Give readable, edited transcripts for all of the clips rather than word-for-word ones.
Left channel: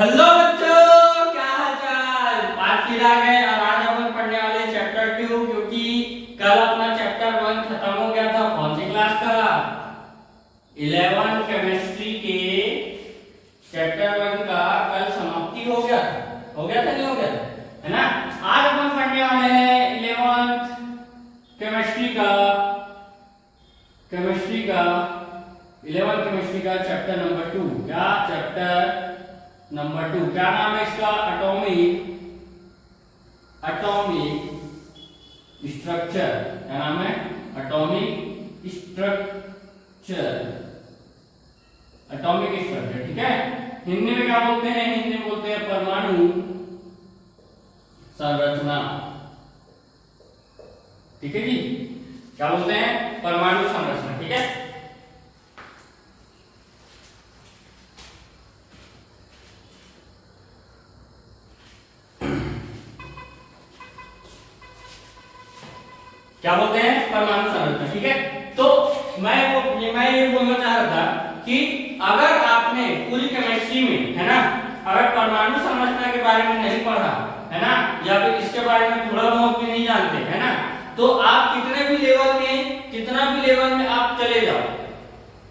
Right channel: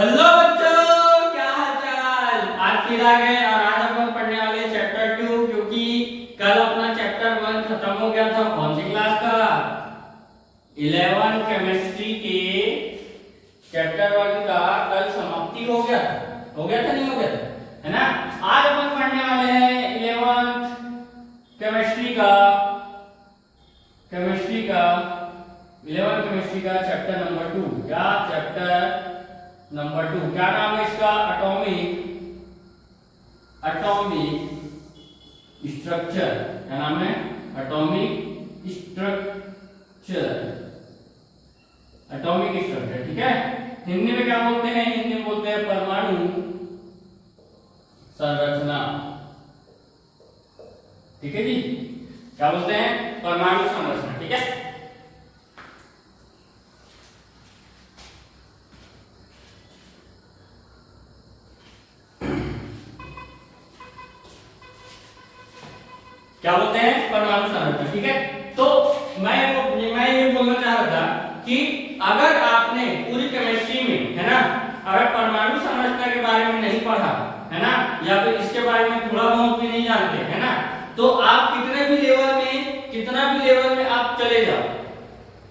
Hello बच्चों, क्या हाल चाल। आज फिर आ गए और आज अपन पढ़ने वाले चैप्टर 2, क्योंकि कल अपना चैप्टर 1 खत्म हो गया था। कौन सी क्लास का? 11 केमिस्ट्री के चैप्टर 1 का कल समाप्ति हो गया था। नहीं हो गया था, है ना। आज अपन पढ़ने वाले हैं 11th केमिस्ट्री का 11 केमिस्ट्री का चैप्टर नंबर 2। क्या चैप्टर नंबर 2? क्या नाम है इसका? Atomic structure. क्या नाम है? Atomic structure. ठीक है। हिंदी में क्या बोलते हैं? हिंदी में बोलते हैं परमाणु संरचना। ठीक है जी, क्या बोलते हैं? परमाणु संरचना। ठीक है। क्या बोलते हैं? परमाणु संरचना। ठीक है। तो मैं ये बोलना चाह रहा था कि अगर आपने पूरी केमिस्ट्री में, है ना, अगर परमाणु संरचना के बारे में नहीं पढ़ा, है ना, या फिर इसके बारे में थोड़ा बहुत भी नहीं जानते, है ना, तो आप कितना भी लेवल में आप चले जाओ,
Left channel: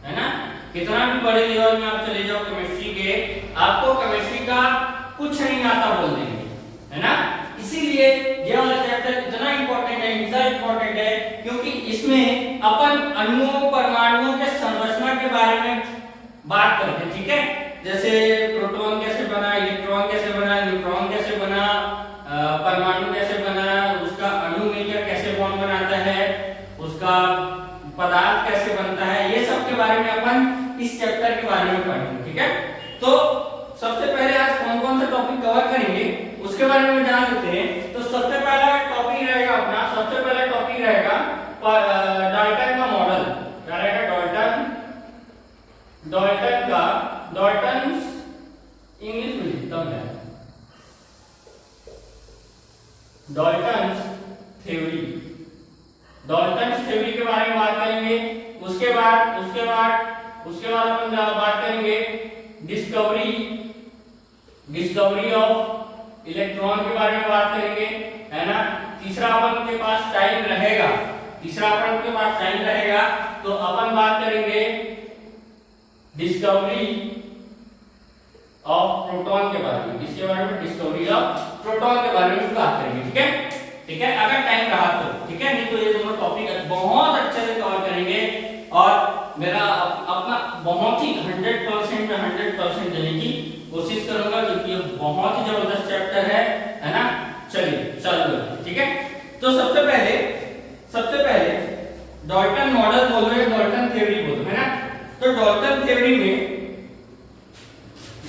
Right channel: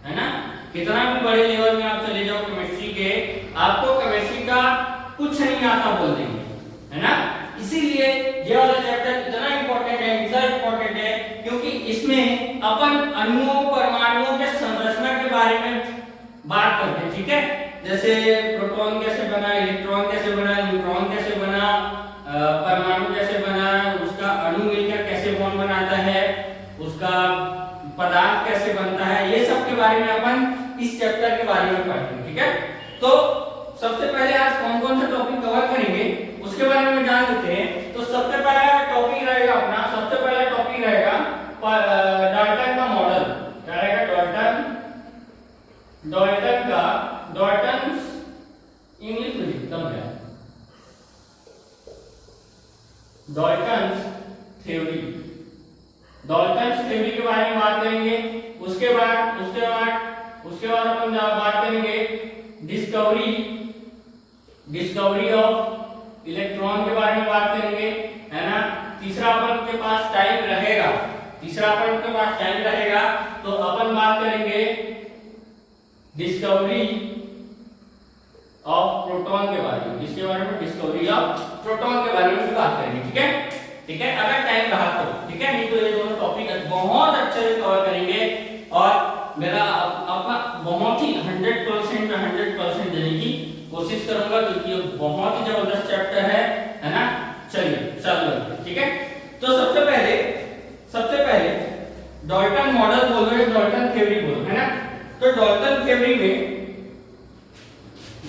है ना, कितना भी बड़े लेवल में आप चले जाओ केमिस्ट्री के, आपको केमिस्ट्री का कुछ नहीं आता बोल देंगे, है ना। इसीलिए ये वाला चैप्टर इतना इंपॉर्टेंट है क्योंकि इसमें अपन अणुओं परमाणुओं के संरचना के बारे में बात करते हैं। ठीक है। जैसे प्रोटॉन कैसे बना, इलेक्ट्रॉन कैसे बना, न्यूट्रॉन कैसे बना, परमाणु कैसे बना, उसका अणु मिलकर कैसे बॉन्ड बनाता है, उसका पदार्थ कैसे बनता है, ये सब के बारे में अपन इस चैप्टर के बारे में पढ़ेंगे। ठीक है। तो सबसे पहले आज कौन कौन सा टॉपिक कवर करेंगे उसके बारे में जान लेते हैं। तो सबसे पहला टॉपिक रहेगा डाल्टन का मॉडल। क्या रहेगा? डाल्टन इंग्लिश में लिखता हूं क्या? डाल्टन्स थ्योरी के बारे में बात करेंगे। उसके बाद अपन बात करेंगे डिस्कवरी ऑफ इलेक्ट्रॉन के बारे में बात करेंगे, है ना। तीसरा अपन के पास टाइम रहेगा तो अपन बात करेंगे डिस्कवरी ऑफ प्रोटॉन के बारे में। डिस्कवरी ऑफ प्रोटॉन के बारे में बात करेंगे। ठीक है, अगर टाइम रहा तो। ठीक है, नहीं तो ये दोनों टॉपिक बहुत अच्छे से कवर करेंगे और मेरा अपना बहुत ही 100% देने की कोशिश करूंगा, क्योंकि ये बहुत ही जबरदस्त चैप्टर है ना। चलिए चलो। ठीक है। तो सबसे पहले डाल्टन मॉडल बोल रहे हैं, डाल्टन थ्योरी बोल रहे हैं, है ना। तो डाल्टन थ्योरी ने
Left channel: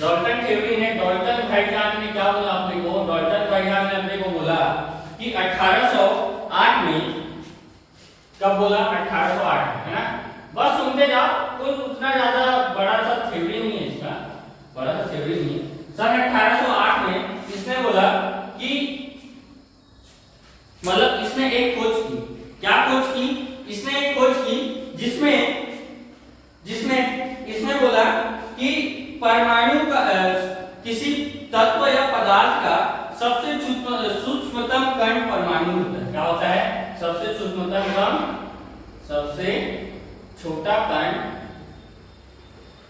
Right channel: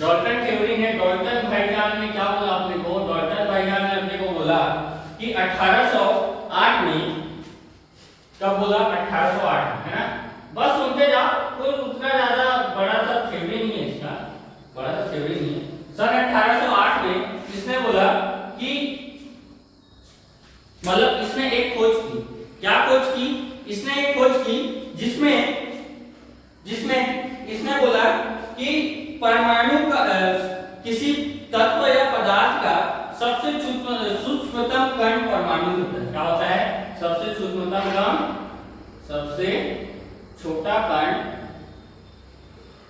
डाल्टन भाईजान ने क्या बोला अपने को? डाल्टन भाईजान ने अपने को बोला कि 1808 में, कब बोला? 1808, है ना। बस सुनते जाओ, कोई उतना ज्यादा बड़ा सा थ्योरी नहीं है इसका, सन 1808 में इसने बोला कि मतलब इसने एक खोज की। क्या खोज की? इसने एक खोज की जिसमें इसने बोला कि परमाणु का किसी तत्व या पदार्थ का सबसे सूक्ष्मतम कण परमाणु होता है। क्या होता है? सबसे सूक्ष्मतम कण, सबसे छोटा कण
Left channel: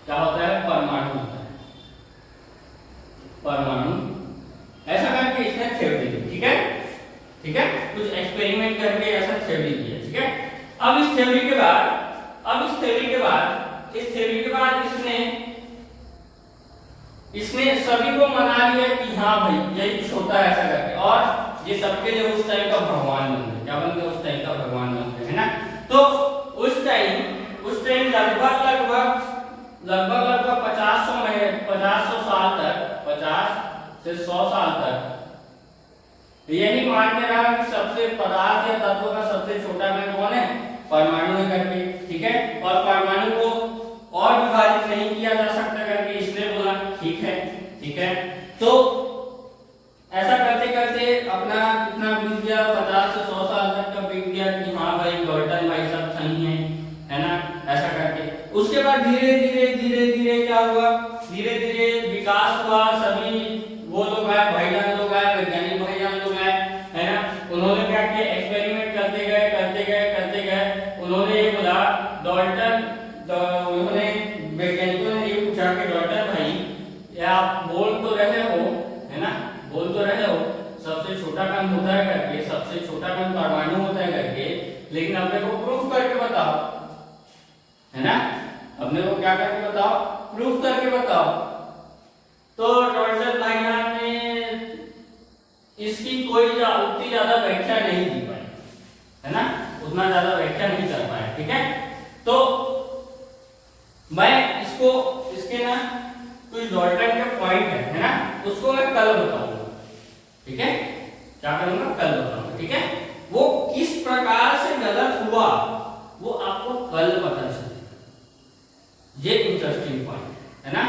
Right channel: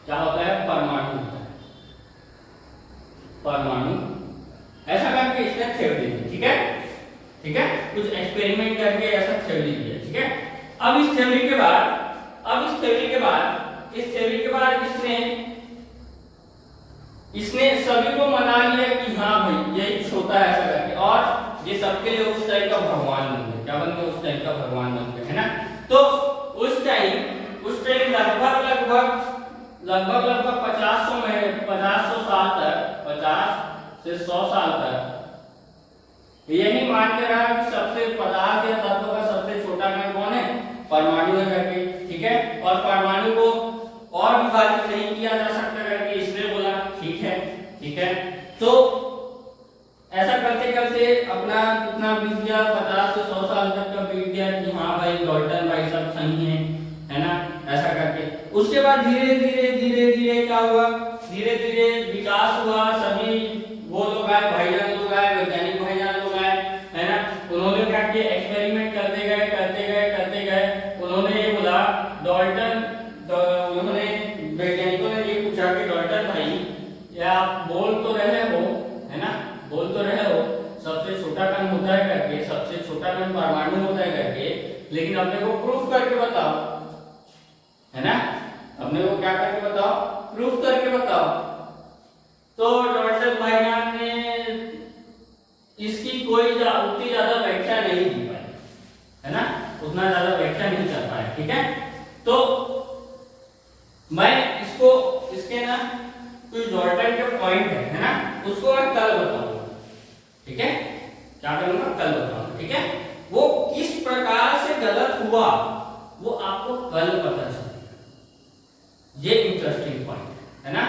क्या होता है? परमाणु होता है। ऐसा करके इसने थ्योरी दी। ठीक है, कुछ एक्सपेरिमेंट करके ऐसा थ्योरी दिया। ठीक है। अब इस थ्योरी के बाद इसने सभी को मना लिया कि हाँ भाई यही कुछ होता है ऐसा करके, और ये सबके लिए उस टाइम का भगवान बन गए। क्या बन गए? उस टाइम का भगवान बन गए, है ना। तो उस टाइम लगभग 50 साल तक, 50 से 100 साल तक यही मानते रहा कि सबसे पदार्थ या तत्व का सबसे छोटा कण कौन है? परमाणु है करके। ठीक है। और परमाणु को और विभाजित नहीं किया जा सकता करके इसने बोला। ठीक है। तो ऐसा करते अपना कितना बीत गया? 50 से 100 साल तक का बीत गया कि हाँ भाई डाल्टन भाई सब सही है ना, ऐसा करके। उसके बाद धीरे धीरे क्या हुआ? विकास हुआ, सभी या आप बोल तो रहे हो, है ना, बोल तो रहे हो सबसे छोटा कण होता है करके, सबसे छोटा कण परमाणु होता है करके, लेकिन अपने को प्रूफ करके बताओ, है ना, अपने को क्या करके बताओ, प्रूफ करके बताओ। तो डॉक्टर भाईजान ने इसकी कोई उतनी ज्यादा व्याख्या नहीं दी पाई, है ना, उतना ज्यादा व्याख्या नहीं कर पाया, ठीक है। तो मैं इसको इसके ना कुछ डॉल्टन के पॉइंट है ना, उसको मैं कल बताऊंगा, ठीक है, क्या करूंगा, कल बताऊंगा, ठीक है। वो किस प्रकार से गलत हुआ वो आपको कल पता चलेगा, ये इंटरेस्टिंग पॉइंट है ना,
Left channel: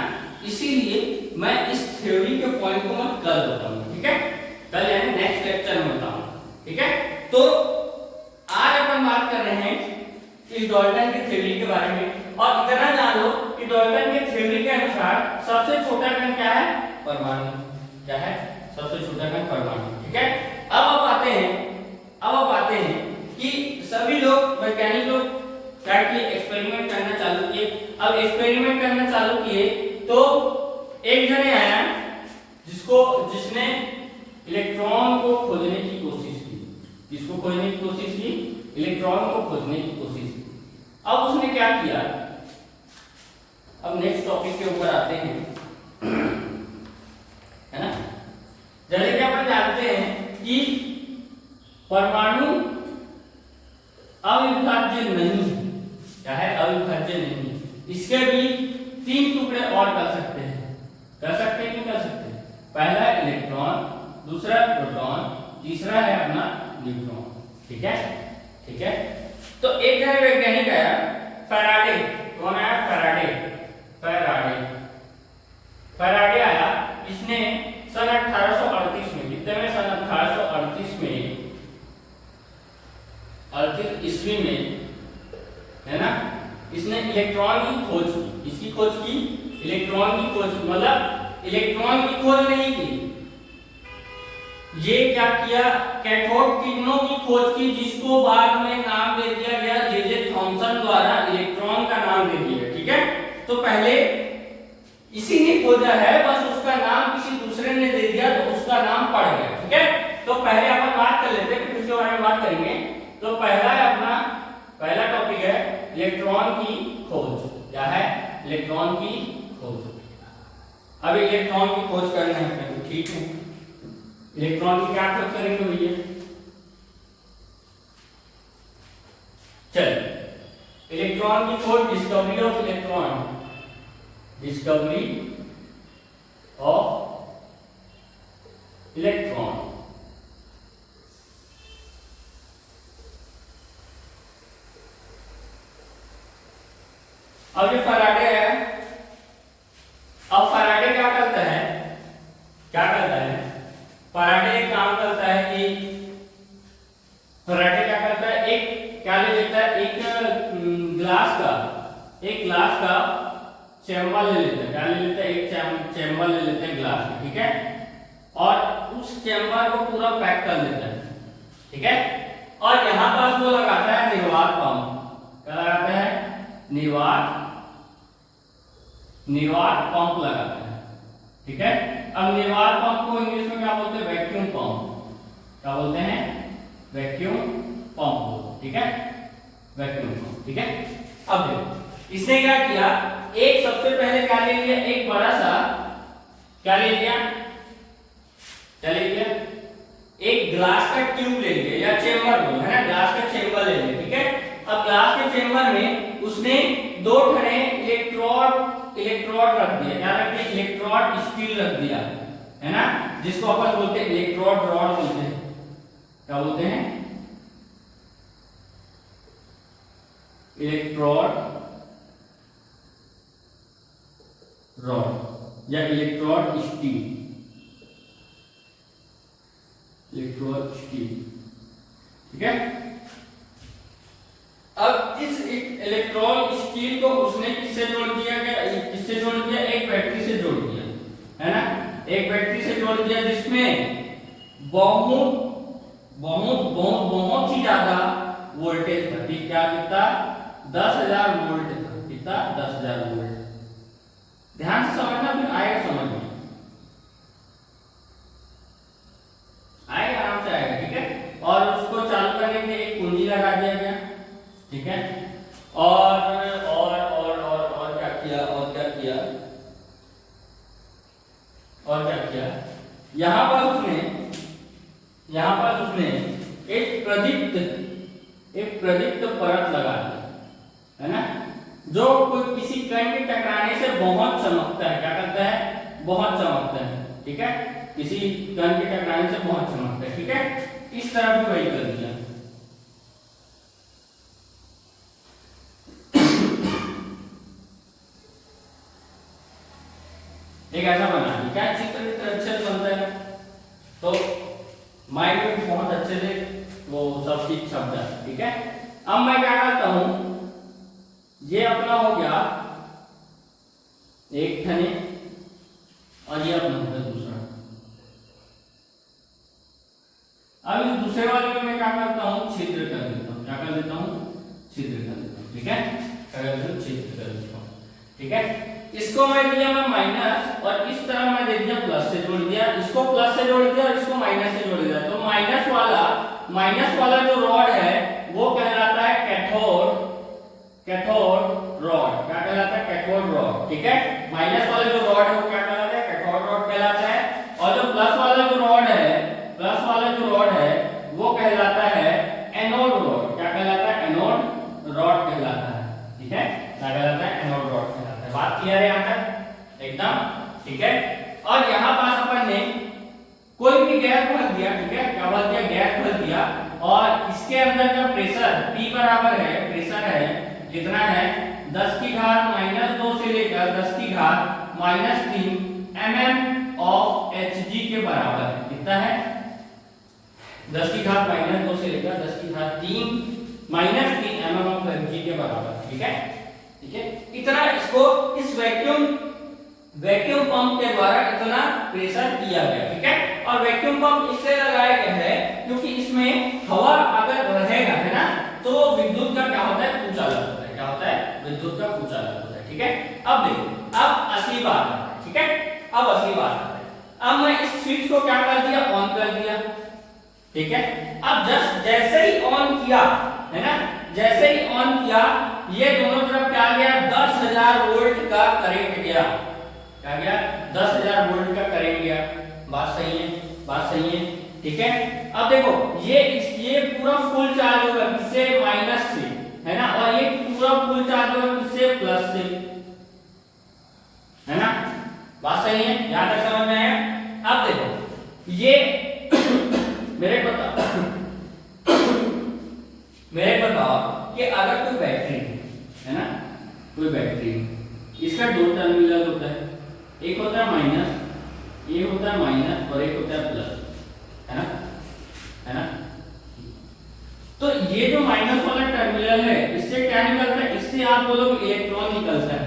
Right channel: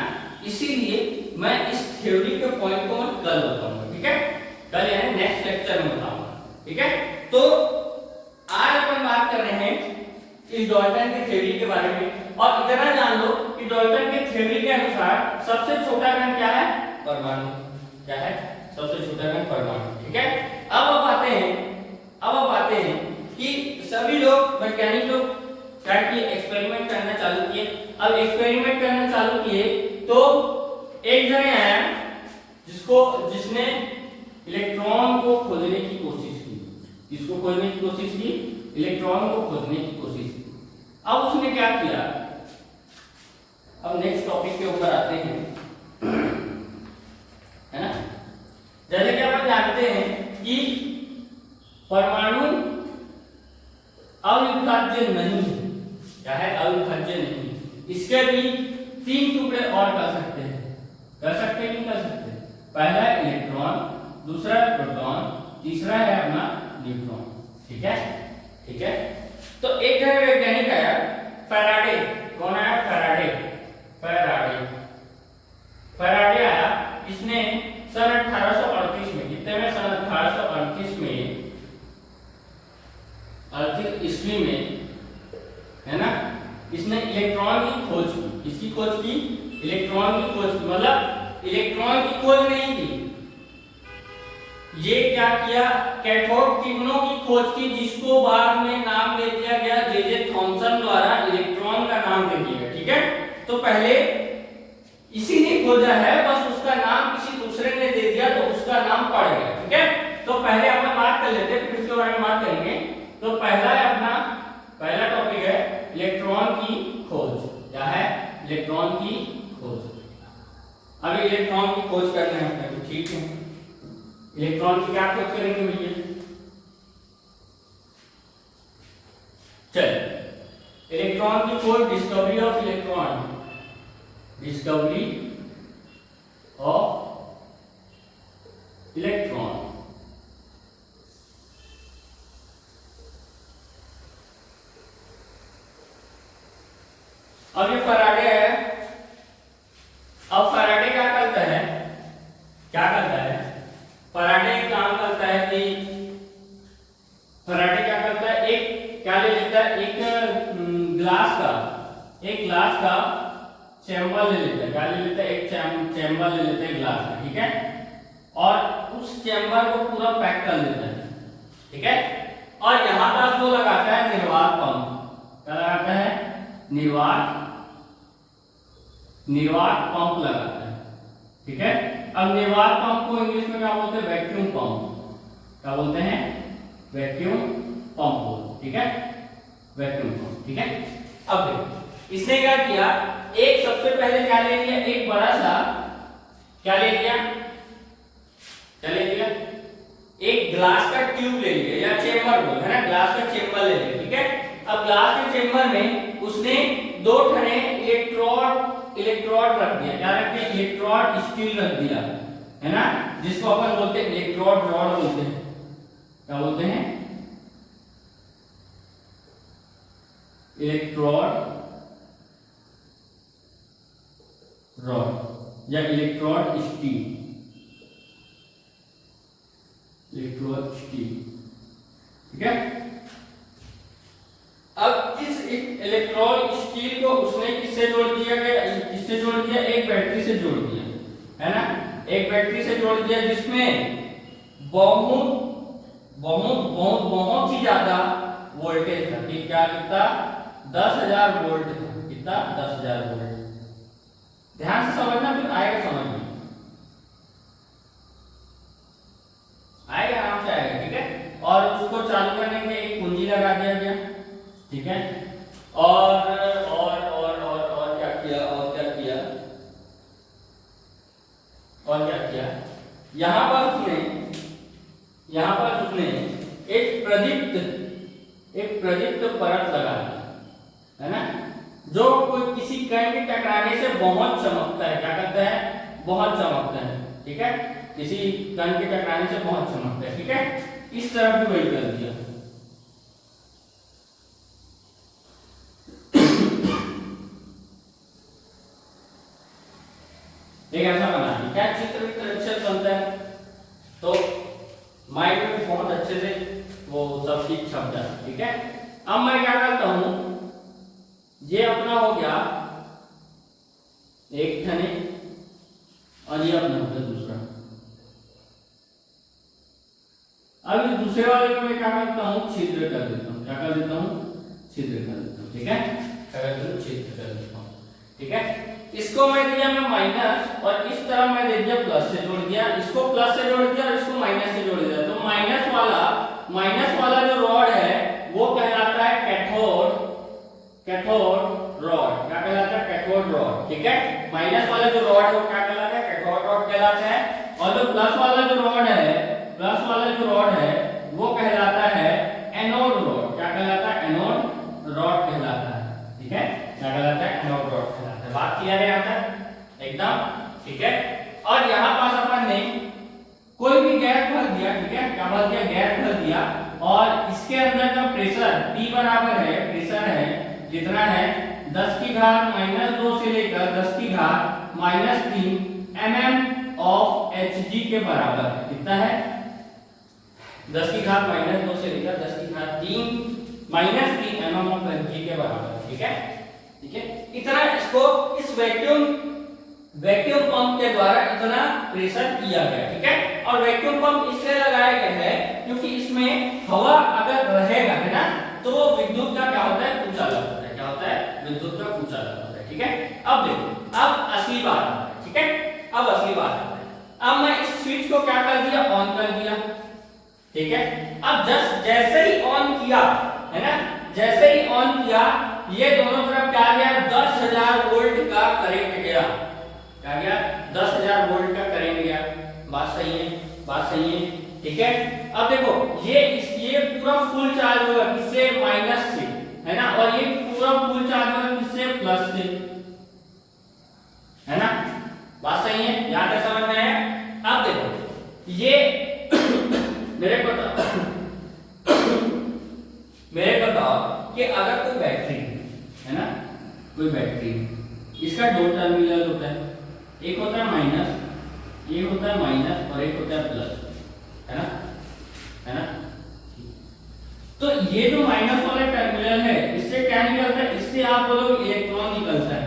इसीलिए मैं इस थ्योरी के पॉइंट को मैं कल बताऊंगा, ठीक है, कल यानी नेक्स्ट लेक्चर में बताऊंगा, ठीक है। तो आज अपन बात कर रहे हैं इस डॉल्टन की थ्योरी के बारे में, और इतना जान लो कि डॉल्टन की थ्योरी के अनुसार सबसे छोटा कण क्या है, परमाणु, क्या है, सबसे छोटा कण परमाणु, ठीक है। अब आप आते हैं कि सभी लोग वैज्ञानिक लोग क्या किए, एक्सपेरिमेंट करना चालू किए। अब एक्सपेरिमेंट करना चालू किए तो एक जने आया जिसने इलेक्ट्रॉन को खोजने की कोशिश की, किसको खोजने की कोशिश की, इलेक्ट्रॉन को खोजने की कोशिश की। अब उसने क्या किया, अब नेक्स्ट टॉपिक के ऊपर आते हैं, है ना। जैसे कि अपन जानते हैं कि परमाणु अविभाज्य नहीं है, क्या है, अविभाज्य नहीं, इसके भी 3 टुकड़े और कर सकते हैं, कर सकते हैं, नहीं कर सकते, पहला इलेक्ट्रॉन, दूसरा प्रोटॉन, तीसरा है अपना न्यूट्रॉन, ठीक है, ठीक है। तो एक जन वैज्ञानिक आया, फैराडे, कौन आया, फैराडे आया, इसने सन 1838 में, कितने में, सन 1838 में, 38 ईस्वी में, है ना, इसने इलेक्ट्रॉन की खोज की, इसकी खोज की, इलेक्ट्रॉन की खोज की, मतलब इलेक्ट्रॉन की खोज नहीं की, ये क्या किया, कैथोड किरणों की खोज की, जिसको बाद में नाम दे दिया गया जे थॉमसन द्वारा इलेक्ट्रॉन का नाम दे दिया गया, ठीक है। तो पहले इसी ने खोजा है, बस उसका नाम किसी दूसरे ने दे दिया तो उसका नाम पड़ गया, ठीक है। तो पहले अपन बात कर लेते हैं, फिर उसके बारे में बात करेंगे। तो पहला टॉपिक है इलेक्ट्रॉन की खोज, क्या है, इलेक्ट्रॉन की खोज। अब इलेक्ट्रॉन की खोज करनी है अपने को, ठीक है, इलेक्ट्रॉन की क्या खोज करेंगे भैया, चल, इलेक्ट्रॉन की खोज, discovery of electron, discovery of electron. अब ये फैराडे है, अब फैराडे क्या करता है, फैराडे काम करता है कि फैराडे क्या करता है, एक क्या ले लेता है, एक ग्लास का चैम्बर ले लेता है, क्या ले लेता है, एक चैम्बर ले लेते हैं ग्लास का, ठीक है, और उस चैम्बर को पूरा पैक कर लेता है, ठीक है, और यहां पर वो लगाता है निर्वात पंप, क्या लगाता है, निर्वात पंप लगाता है, ठीक है। अब निर्वात पंप को इंग्लिश में क्या बोलते हैं, वैक्यूम पंप, क्या बोलते हैं, वैक्यूम पंप, ठीक है, वैक्यूम पंप, ठीक है। अब देखो इसने क्या किया, एक सबसे पहले क्या ले लिया, एक बड़ा सा क्या ले लिया, एक ग्लास का ट्यूब ले लिया या चेंबर बोल, है ना, ग्लास का चेंबर ले लिया, ठीक है। अब ग्लास के चेंबर में उसने 2 ठने इलेक्ट्रोड रख दिया, क्या रख दिया, इलेक्ट्रोड स्टील रख दिया, है ना, जिसको अपन बोलते हैं इलेक्ट्रोड रॉड बोलते हैं, क्या बोलते हैं, इलेक्ट्रोड रॉड या इलेक्ट्रोड स्टील, ठीक है। अब इस इलेक्ट्रोड स्टील को उसने किससे जोड़ दिया, एक बैटरी से जोड़ दिया, है ना, एक बैटरी से जोड़ दिया, जिसमें बहुत ही ज्यादा वोल्टेज था, क्या कितना, 10,000 वोल्ट था, कितना, 10,000 वोल्ट। ध्यान से समझना, फिर आएगा समझ में। और क्या किया, यहाँ पर उसने एक प्रदीप्त परत लगा दी, है ना, जो कोई किसी कण के टकराने से बहुत चमकता है। क्या करता है? बहुत चमकता है। ठीक है, किसी कण के टकराने से बहुत चमकता है। ठीक है, इस तरह भी वही कर दिया। एक ऐसा बना दिया, क्या चित्र वित्र अच्छे से बनता है, तो माइंड में बहुत अच्छे से वो सब चीज छप जाए। ठीक है, अब मैं क्या करता हूं, ये अपना हो गया एक थने और ये अपना हो गया दूसरा। अब इस दूसरे वाले में मैं क्या करता हूं, छिद्र कर देता हूं। क्या कर देता हूं? छिद्र कर देता हूं। ठीक है, छिद्र कर देता हूं। ठीक है, इसको मैं दिया मैं माइनस और इस तरफ मैं दे दिया प्लस से जोड़ दिया, इसको प्लस से जोड़ दिया और इसको माइनस से जोड़ दिया। तो माइनस वाला जो रॉड है वो कहलाता है कैथोड रॉड। क्या कहलाता है? Cathode rod. ठीक है, माइनस वाला जो रॉड है वो क्या कहलाता है? कैथोड रॉड कहलाता है। और जो प्लस वाला जो रॉड है वो कहलाता है एनोड रॉड। क्या कहलाता है? एनोड रॉड कहलाता है। ठीक है, क्या कहलाता है? एनोड रॉड कहलाता है। बात क्लियर है यहाँ तक एकदम? ठीक है, और यहाँ पास अपन ने कोई भी गैस भर दिया। ठीक है, क्या भर दिया? गैस भर दिया, और इसके अंदर का प्रेशर P बराबर है, प्रेशर है कितना है 10 की घात -2 से लेकर 10 की घात -3 mm ऑफ Hg के बराबर है। कितना है? 10 की घात -2 से लेकर 10 की घात 3 -3 mm ऑफ Hg के बराबर। ठीक है, ठीक है, इतना इसको इस वैक्यूम पंप के द्वारा इतना प्रेशर किया गया। ठीक है, और वैक्यूम पंप इसलिए लगाया गया है क्योंकि इसमें हवा अगर रहेगा, है ना, तो विद्युत का क्या होता है? कुचालक होता है। क्या होता है? विद्युत का कुचालक होता है। ठीक है, अब देखो, अब असली बात है। ठीक है, अब असली बात है। अब मैं इस स्विच को क्या कर दिया? ऑन कर दिया। ठीक है, अब जैसे ही ऑन किया, है ना, जैसे ही ऑन किया, ये दोनों तरफ क्या गया? 10,000 वोल्ट का करंट गया। क्या गया? 10,000 वोल्ट का करंट गया। बात सही है? बात सही है? ठीक है, अब देखो, ये पूरा फुल चार्ज होगा किससे? माइनस से, है ना, और ये पूरा फुल चार्ज होगा किससे? प्लस से, है ना। बात सही है? यहां तक समझ में आया? अब देखो, ये मेरे बताओ कि अगर कोई बैटरी है ना, कोई बैटरी, इसका दो टर्मिनल होता है, एक होता है माइनस, ये होता है माइनस और एक होता है प्लस, है ना, है ना। तो ये जो माइनस वाला टर्मिनल है, इससे क्या निकलता है? इससे आप बोलोगे इलेक्ट्रॉन निकलता है।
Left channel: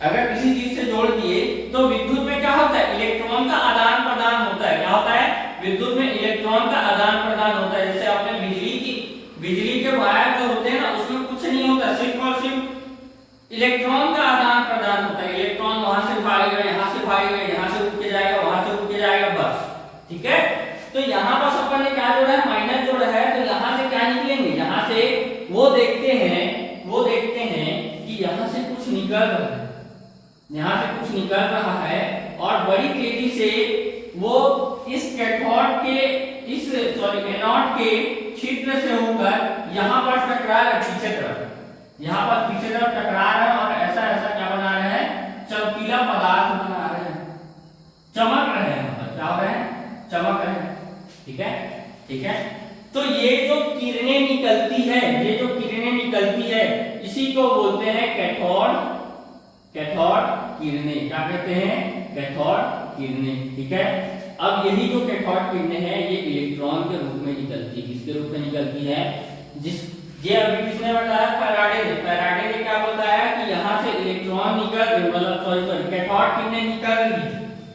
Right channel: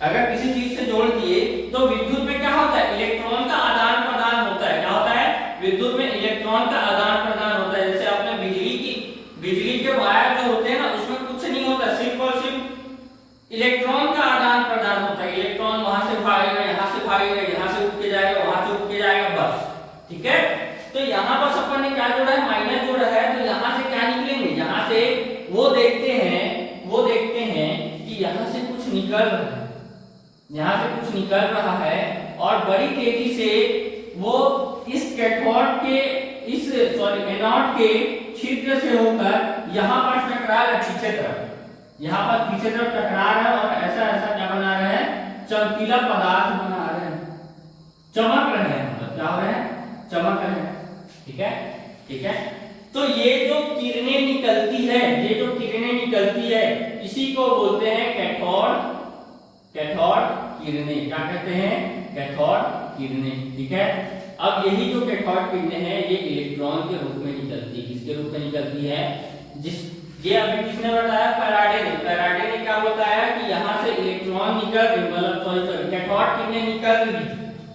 अगर किसी चीज से जोड़ दिए तो विद्युत में क्या होता है? इलेक्ट्रॉन का आदान प्रदान होता है। क्या होता है? विद्युत में इलेक्ट्रॉन का आदान प्रदान होता है। जैसे आपने बिजली के वायर जो होते हैं ना, उसमें कुछ नहीं होता, सिर्फ और सिर्फ इलेक्ट्रॉन का आदान प्रदान होता है। इलेक्ट्रॉन वहां से भागेगा, यहाँ से भागेगा, यहाँ से उठ के जाएगा, वहां से उठ के जाएगा, बस। ठीक है, तो यहाँ पर अपन ने क्या जोड़ा है? माइनस जोड़ा है। तो यहाँ से क्या निकलेंगे? यहाँ से वो देखते हैं कि यहाँ से कुछ निकल रहा है, यहाँ से कुछ निकल रहा है, और बड़ी तेजी से वो इस कैथोड के एनोड के छिद्र से होकर यहाँ पर टकरा रहा है, पीछे तरफ, यहाँ पर पीछे तरफ टकरा रहा है, और ऐसा ऐसा क्या बना रहा है? चमकीला पदार्थ बना रहे हैं, चमक रहे हैं, क्या हो रहे हैं? चमक रहे हैं। ठीक है, ठीक है, तो ये जो किरणें निकलती है, इसी को बोलते हैं कैथोड किरणें। क्या कहते हैं? कैथोड किरणें। ठीक है, अब यही जो कैथोड किरणें हैं, ये इलेक्ट्रॉन के रूप में निकलती है। किसके रूप में निकलती है? ये अभी किसने बताया? फैराडे ने क्या बताया कि यहाँ से इलेक्ट्रॉन निकल गए, मतलब सॉरी कैथोड किरणें निकल रही।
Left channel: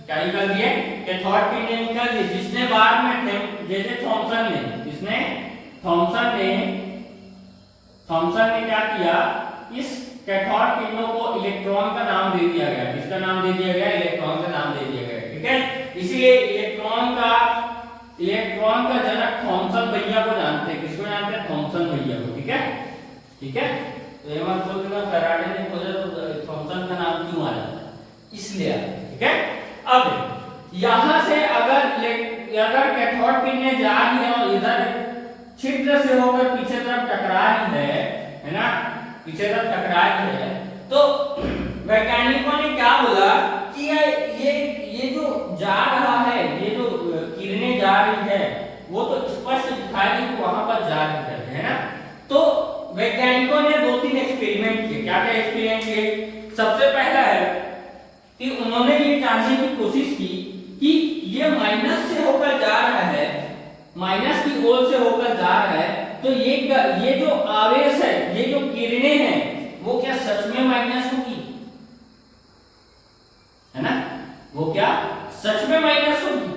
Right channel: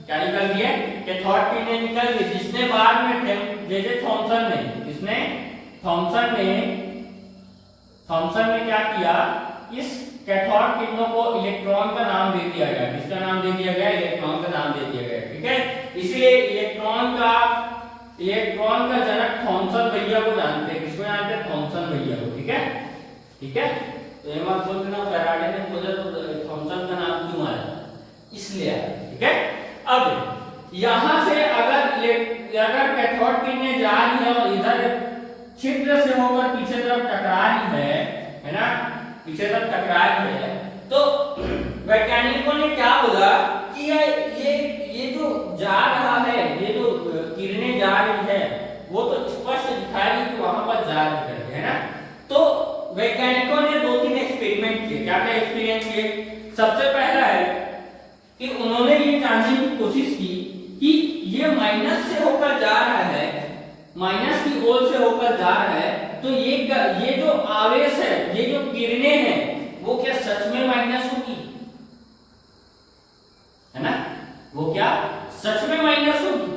क्या निकल रही है? कैथोड किरणें निकल रही, जिसने बाद में जैसे थॉमसन ने क्या किया? इस कैथोड किरणों को इलेक्ट्रॉन का नाम दे दिया गया। किसका नाम दे दिया गया? इलेक्ट्रॉन का नाम दे दिया गया। ठीक है, इसलिए इलेक्ट्रॉन का जनक थॉमसन भैया को जानते हैं। किसको जानते हैं? थॉमसन भैया को। ठीक है, ठीक है, तो ये मत बोलना फैराडे ने खोजा तो थॉमसन का नाम क्यों आया, इसलिए आया। ठीक है, अब यहां से अगर कैथोड किरण ने जा रही है और इधर छिद्र से होकर पीछे तरफ टकरा रही है ना, पीछे तरफ टकरा रही है, तो वैज्ञानिकों ने क्या बोला कि ये जो जा रहा है, ये जो किरणें जा रही है वो तो स्पष्ट दिखा रही है कि वहां पर जा रही है ना। तो वैज्ञानिकों ने 2-3 एक्सपेरिमेंट किए। क्या क्या एक्सपेरिमेंट किए? सबसे पहला है कि उन्होंने ये जानने की कोशिश की कि ये माइनस से होकर जा रहा है, माइनस की ओर से होकर जा रहा है, तो ये जो आवेश है, ये जो किरणें हैं, वो क्या सच में माइनस होगी, है ना, वो क्या सच में माइनस होगी?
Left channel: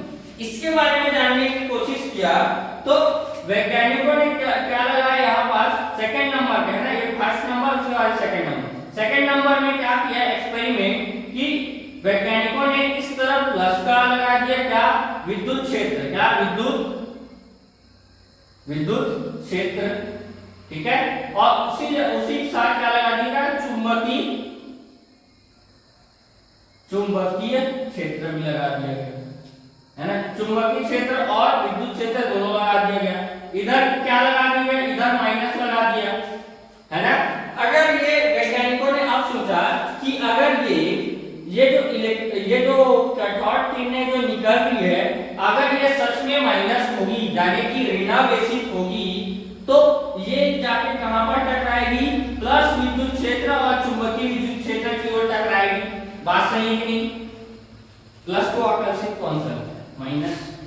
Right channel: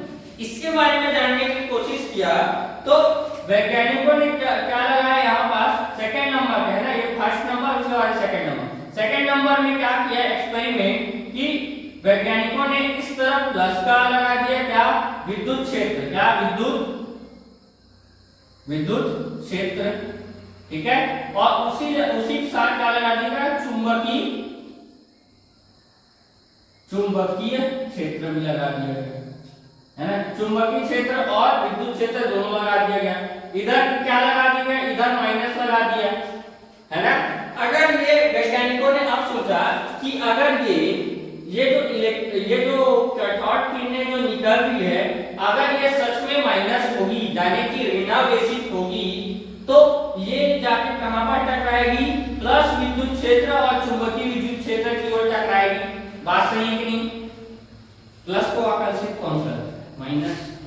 इसके बारे में जानने की कोशिश किया। तो वैज्ञानिकों ने क्या लगाया यहाँ पास सेकंड नंबर पे, है ना, ये फर्स्ट नंबर, उसके बाद सेकंड नंबर। सेकंड नंबर में क्या किया एक्सपेरिमेंट कि वैज्ञानिकों ने इस तरफ प्लस का लगा दिया, क्या विद्युत क्षेत्र, क्या विद्युत क्षेत्र, ठीक है, और उसी के साथ क्या लगा दिया चुंबकीय क्षेत्र भी लगा दिया गया, है ना, चुंबकीय क्षेत्र और विद्युत क्षेत्र दोनों लगा दिया गया। इधर क्या लगा दिया गया, इधर माइनस लगा दिया, है ना। अगर ये वैज्ञानिकों ने अब सोचा कि अगर ये जो कैथोड किरणें जो निकल रही है, अगर ये सच में माइनस होगी, यानी कि ऋणावेशित होगी, तो ये जाके कहां पर टकराएगी? प्लस विद्युत क्षेत्र और चुंबकीय विद्युत क्षेत्र की ओर टकराएगी। बात सही है कि नहीं? प्लस को आकर्षित कौन करता है?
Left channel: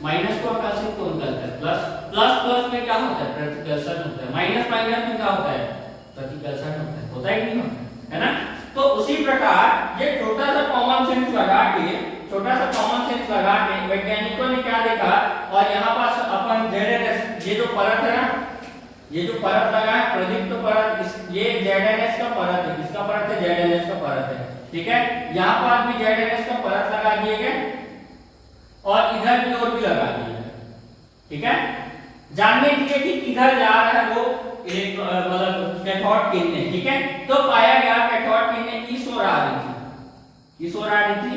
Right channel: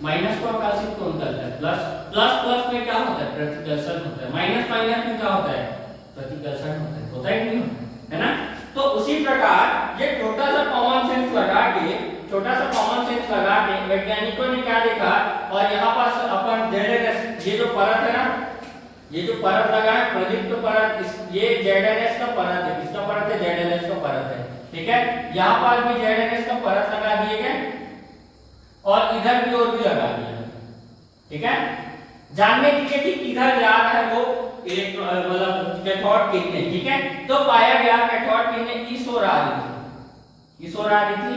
माइनस को आकर्षित कौन करता है? प्लस में क्या होता है? प्रतिकर्षण होता है। माइनस में क्या होता है? प्रतिकर्षण होता है कि नहीं होता है ना। तो उसी प्रकार ये छोटा सा कॉमन सेंस लगा के वैज्ञानिकों ने क्या देखा, और यहाँ पास अपन ZNS, ये जो परत है ना, ये जो परत लगा है प्रदीप्त परत, ये ZNS का परत है, इसका परत है, ZNS का परत है, ठीक है। यहाँ पर भी ZNS का परत लगा दिए गए और इधर की ओर भी लगा दिए गए, ठीक है। जानने के लिए कि किधर जा रहा है वो मतलब कैथोड किरणें, ठीक है। तो पाया गया कैथोड किरणें इस ओर आ रही थी,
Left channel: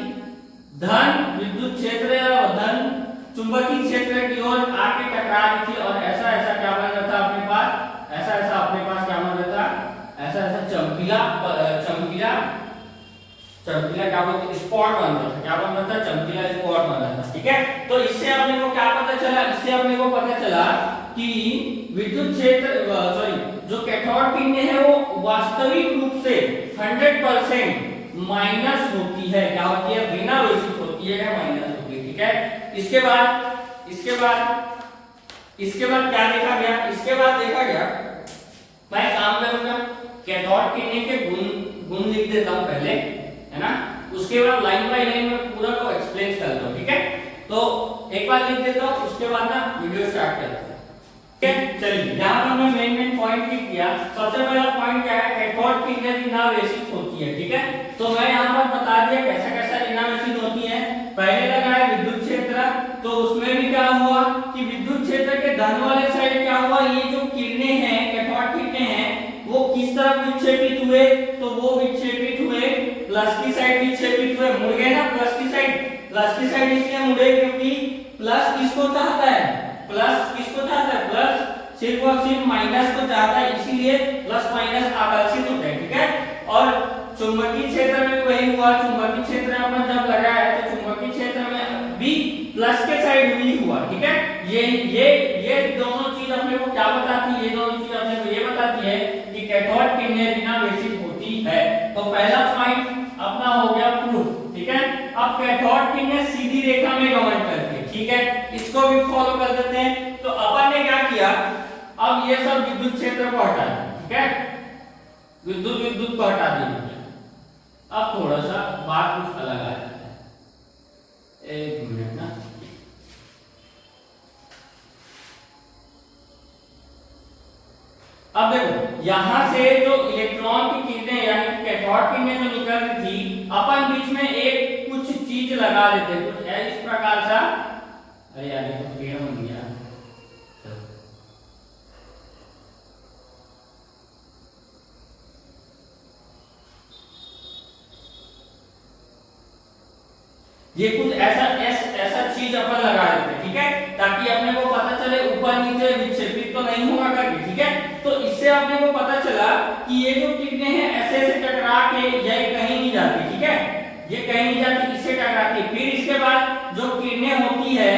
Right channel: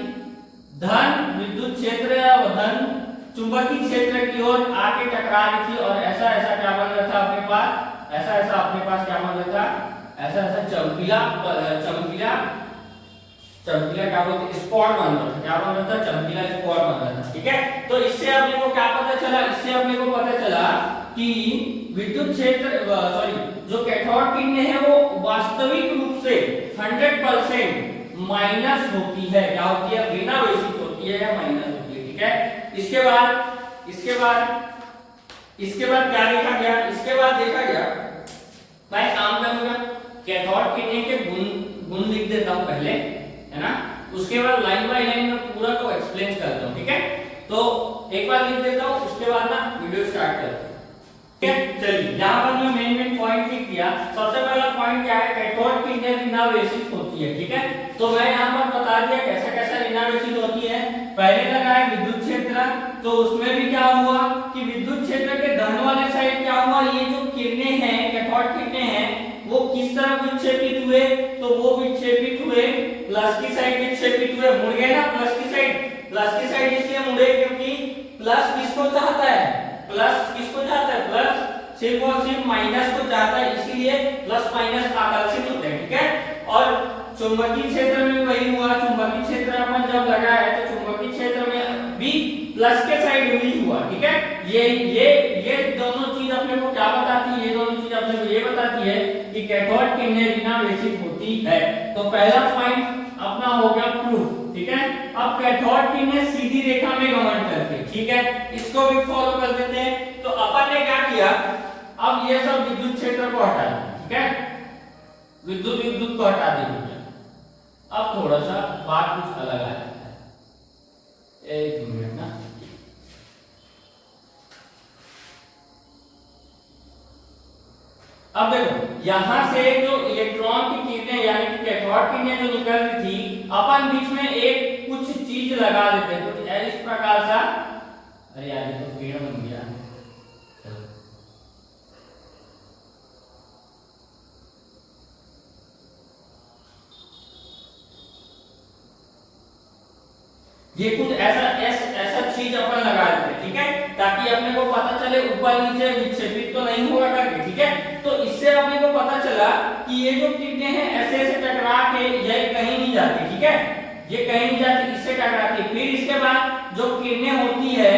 धन विद्युत क्षेत्र और धन चुंबकीय क्षेत्र की ओर आके टकरा रही थी, और ऐसा क्या बन रहा था अपने पास, ऐसा अपने पास क्या बन रहा था, ऐसा चमकीला क्या बोलते हैं, स्पॉट बन रहा था, क्या बन रहा था, चमकीला स्पॉट बन रहा था, ठीक है। तो इससे अपने को क्या पता चला? इससे अपने को पता चला कि विद्युत क्षेत्र जो कैथोड किरणें है वो वास्तविक रूप से 100% माइनस होती है, क्या होती है? ऋणावेशित होती है या माइनस होती है, ठीक है। इसके बाद क्या देखा गया? इसके बाद देखा गया, मैं काम करूंगा कैथोड किरणें के गुण लिख देता हूं पहले, है ना, उसके बाद लाइन बाय लाइन में पूरा को एक्सप्लेन करता हूं, ठीक है। तो एक बार लिख देता हूं, उसके बाद ना वीडियो स्टार्ट करते हैं, ठीक है। चलिए यहाँ पर मैं मेन पॉइंट लिख दिया। सबसे पहला पॉइंट क्या है? कैथोड किरणें ऋणावेशित होती है, ठीक है। तो मैं यहाँ पर बता दिया कैसा ऋणावेशित होती है। पहले लगा है विद्युत क्षेत्र, तो उसमें भी क्या हुआ कि विद्युत क्षेत्र के धन वाले साइड क्या हुआ, ये जो किरणें हैं, कैथोड किरणें हैं, वो किस तरफ विक्षेपित हुए? तो वो विक्षेपित हुए प्लस की साइड विक्षेपित हुए, मुड़ गए ना प्लस की साइड इसलिए मुड़े क्योंकि प्लस किसको चाहता है? प्लस सिर्फ और सिर्फ माइनस को चाहता है, इसीलिए प्लस माइनस आकर्षित होते हैं, ठीक है। और चुंबकीय क्षेत्र में भी वही हुआ। चुंबकीय क्षेत्र में अपन जब लगाया तो चुंबकीय क्षेत्र में भी प्लस के साइड भी हुआ, ठीक है। ये दोनों चीज अपने को क्या बताती है? ये दोनों चीज अपने को ये बताती है कि कैथोड किरणें ऋणावेशित होती है। तो पहला पॉइंट अपना हो गया प्रूफ, ठीक है। अब कैथोड किरणें सीधी रेखा में गमन करती है, ठीक है, इसको भी फॉलो कर देते हैं। तो अपन ने क्या किया, अब ये सब विद्युत क्षेत्र को हटा दिया, ठीक है, विद्युत को हटा दिया। अब थोड़ा सा बात कुछ अलग आ जाता है, एक मिनट ना। अब देखो यहां से जो इलेक्ट्रॉन की किरणें यानी कि कैथोड किरणें जो निकल रही थी, अपन बीच में एक कुछ चीज लगा देते हैं, कुछ इस प्रकार सा। अरे यार ये तो पेड़ बन गया। ये कुछ ऐसा ऐसा चीज अपन लगा देते हैं, ठीक है, ताकि अपने को पता चले ऊपर नीचे विक्षेपित तो नहीं होगा करके, ठीक है। तो इससे अपने को पता चला कि ये जो किरणें हैं ऐसे ऐसे टकरा के ये कहीं नहीं जाती, ठीक है, ये कहीं नहीं जाती, इससे टकराती। फिर इसके बाद जो किरणें होती है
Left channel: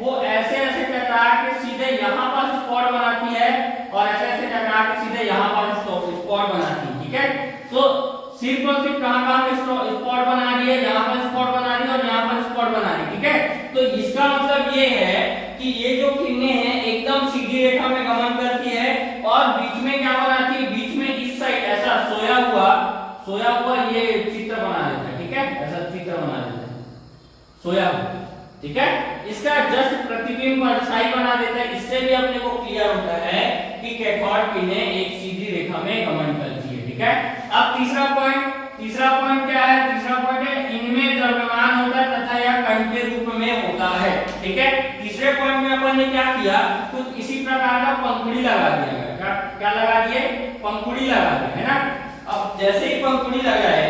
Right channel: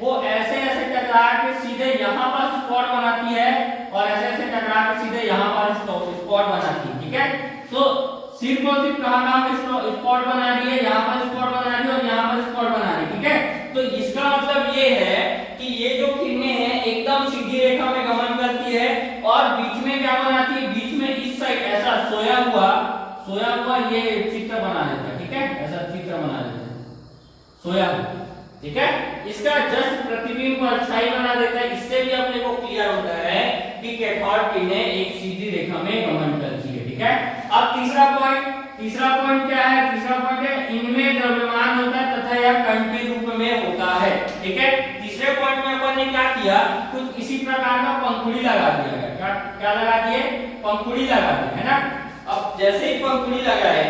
वो ऐसे ऐसे टकरा के सीधे यहाँ पर स्पॉट बनाती है और ऐसे ऐसे टकरा के सीधे यहाँ पर स्पॉट बनाती है, ठीक है। तो सिर्फ और सिर्फ कहां स्पॉट बना रही है, यहाँ पर स्पॉट बना रही है और यहाँ पर स्पॉट बना रही है, ठीक है। तो इसका मतलब ये है कि ये जो किरणें हैं एकदम सीधी रेखा में गमन करती है और बीच में क्या बनाती है, बीच में इस साइड ऐसा सोया हुआ ये चित्र बना देता है, ठीक है, ऐसा चित्र बना देता है सोया हुआ, ठीक है। इसका जस्ट प्रतिबिंब परछाई बना देता है। इससे भी अपने को क्लियर होता है कि कैथोड किरणें एक सीधी रेखा में गमन करती है, ठीक है। अब तीसरा पॉइंट क्या है, तीसरा पॉइंट है इनमें द्रव्यमान होता है तथा यह कण के रूप में होता है, ठीक है। तीसरे पॉइंट में अपन ने क्या किया, कुछ इसी प्रकार का पंखुड़ी लगा दिया, क्या लगा दिए, पंखुड़ी लगा दी, है ना। अब जैसे ही पंखुड़ी लगाए,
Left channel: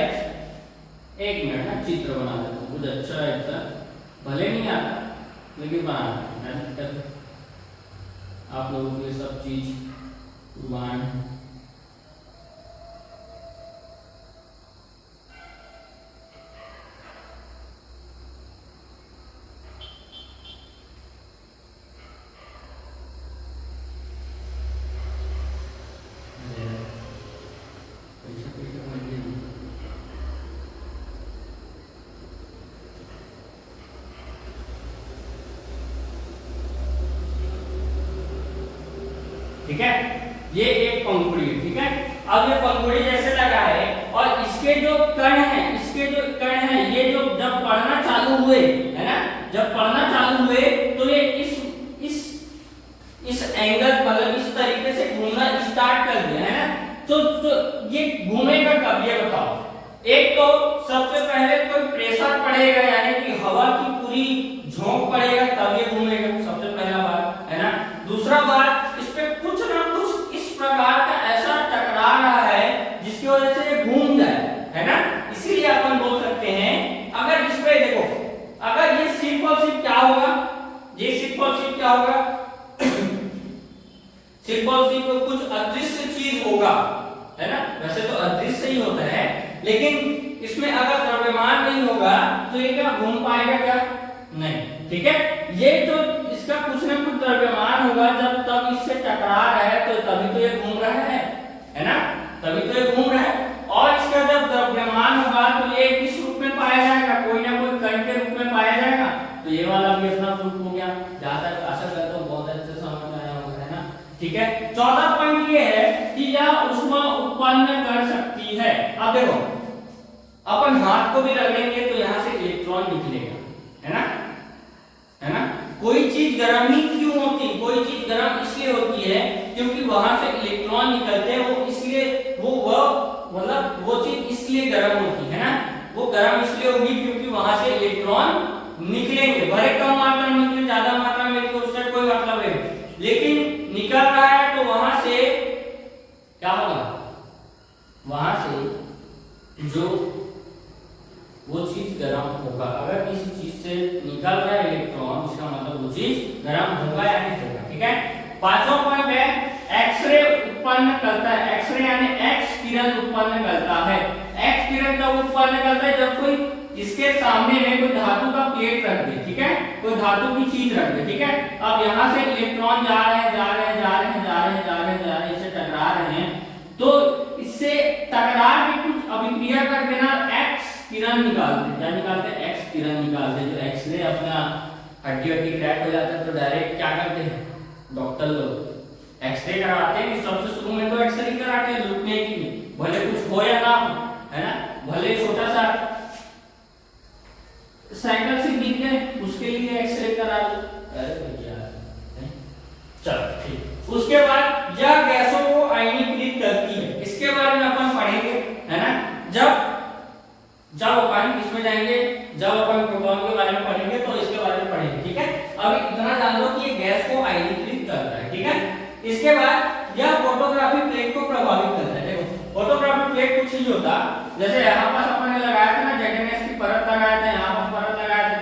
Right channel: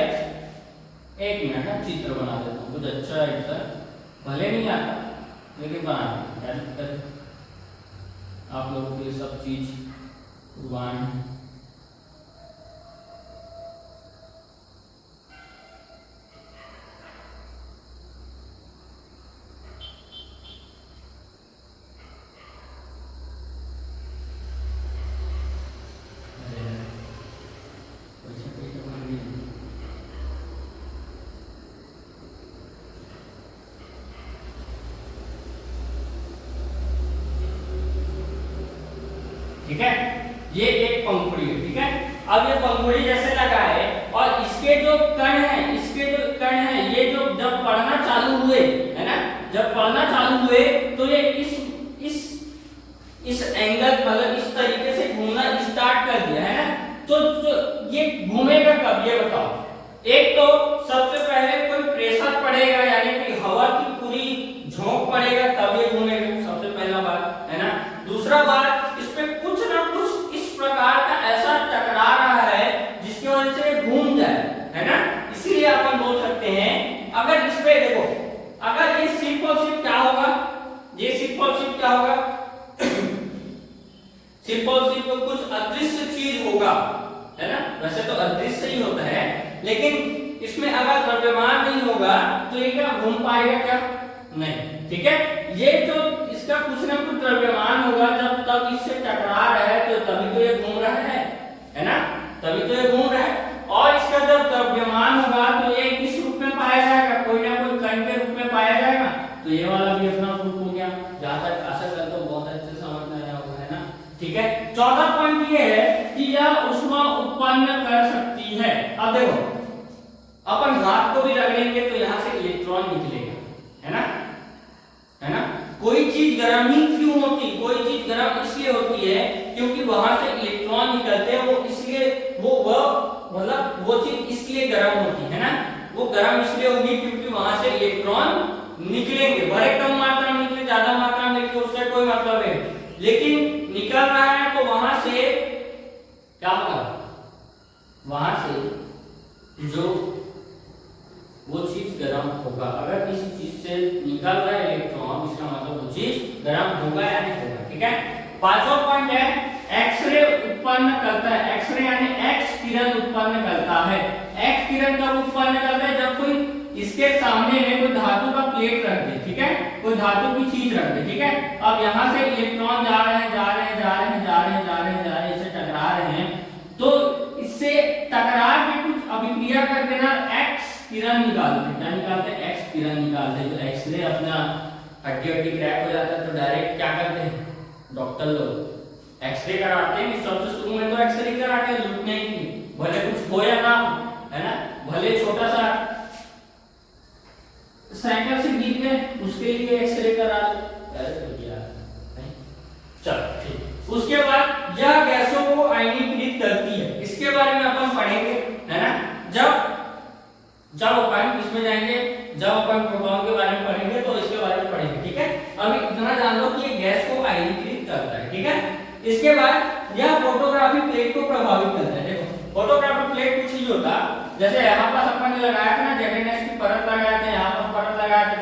एक मिनट ना चित्र बना देता हूँ, कुछ अच्छा ऐसा भले नहीं आता लेकिन बनाना, आप लोगों के सब चीज कुर्बान है। ठीक है, ये एक पंखुड़ी है, ठीक है। अब ये पंखुड़ी जैसे लगा है और इसके जो कण है ये जो जब पढ़ना चालू हुए, है ना, जब पढ़ना चालू हुए तो ये इस एंगल मतलब इस तरीके से घूमना स्टार्ट कर दिया, है ना। तो ये घूमेगा कब, ये बताओ। एक तो सबसे पहले कोई प्रेशर पड़ेगा, यानी कि हवा की पूरी झोंक पड़ेगा, तब ये घूमेगा, सबसे पहला बात, है ना। दूसरा बात, इस पे कुछ ना कुछ इस प्रकार का ऐसा टकरा रहा है जिसकी वजह से ये घूम जाए, है ना। इसीलिए अपन बोल सकते हैं, अगर इस पे देखो, अगर ये सिर्फ और सिर्फ क्या होगा, ये सिर्फ और सिर्फ क्या होगा सिर्फ और सिर्फ कुछ अदृश्य चीज होगा, है ना। वैसे तो अदृश्य ही होता है, लेकिन इसमें अगर द्रव्यमान नहीं होगा तो ये क्या घूम पाएगा, क्या नहीं, ठीक है। ये जो इसका कुछ ना कुछ द्रव्यमान होगा, जब तब इससे टकरा रहा है तो तभी तो ये घूम रहा है ना, तभी तो ये घूम रहा है। और इसका जब द्रव्यमान होगा तो ये किस रूप में पाया जाएगा, कोई ना कोई कण के रूप में पाया जाएगा। तो ये वाला भी अपना रूप हो गया। जहां तक आशा करता हूं बहुत अच्छे से समझ में आया होगा, है ना, ठीक है। चौथा पॉइंट ये है कि यह ऊष्मा उत्पन्न कर सकती है। अब देखो, अपन हाथ को भी रगड़ेंगे तो यहाँ से इलेक्ट्रॉन निकलेगा, है ना। कोई चीज गर्म ही क्यों होती, कोई चीज गर्म इसलिए होती है क्योंकि वहां से इलेक्ट्रॉन निकलते हैं, वो इसलिए मतलब वो चीज इसलिए गर्म होती है ना, वो गर्म इसलिए होगी क्योंकि वहां से इलेक्ट्रॉन निकलेंगे, भले कम मात्रा में निकले, ज्यादा मात्रा में निकले, उससे कोई मतलब है, लेकिन निकल रहा है तो वहां से क्या होगा, वहां से जो वो चीज गर्म होगा। अगर किसी चीज से निकल रहा है इलेक्ट्रॉन, इसका मतलब वो चीज गर्म होगा या नहीं होगा, ठीक है। पांचवा पॉइंट है एक्सरे उत्पन्न करता है, एक्सरे यानी एक्स किरण उत्पन्न करता है। एक्स किरण कब उत्पन्न करता है, जब कोई इसके सामने में कोई धातु का प्लेट रख दे, ठीक है, कोई धातु की चीज रख दे, ठीक है। अब यहाँ से इलेक्ट्रॉन जा रहे हैं, इससे टकरा रहे हैं, तो इससे टकरा के कुछ अभिक्रिया कर देना, एक्स किरण निकालते हैं। क्या निकालते हैं, एक्स किरण निकालते हैं। तो एक्सरे अपना हड्डी क्रैक हो जाता है तो डायरेक्ट क्या करते हैं डॉक्टर लोग, एक्सरे कराते हैं। सबसे शुरू में तो एक्सरे कराते हैं लूटने की, भले कुछ हो या ना हो, है ना, भले छोटा सा साइकिल से गिर गए उसके लिए एक्सरे करा लो, चलो ठीक। उसके बाद यह गैसों को आयनीकृत करती है, इसके बारे में अपन पढ़ेंगे, है ना। जब अपन इसमें जाएंगे, जब अपन प्रोटॉन के बारे में पढ़ेंगे तो इसके बारे में पढ़ेंगे, ठीक है। अभी इतना जान लो कि ये गैस को आयनीकृत करता है, ठीक है। इसके बाद यह फोटोग्राफी प्लेट को प्रभावित करता है। देखो फोटोग्राफी प्लेट कुछ ही होता, जैसे यहाँ पर अपन ने लगाया था ना, जैकेनेस की परत लगाया था, यहाँ पर परत लगाया था,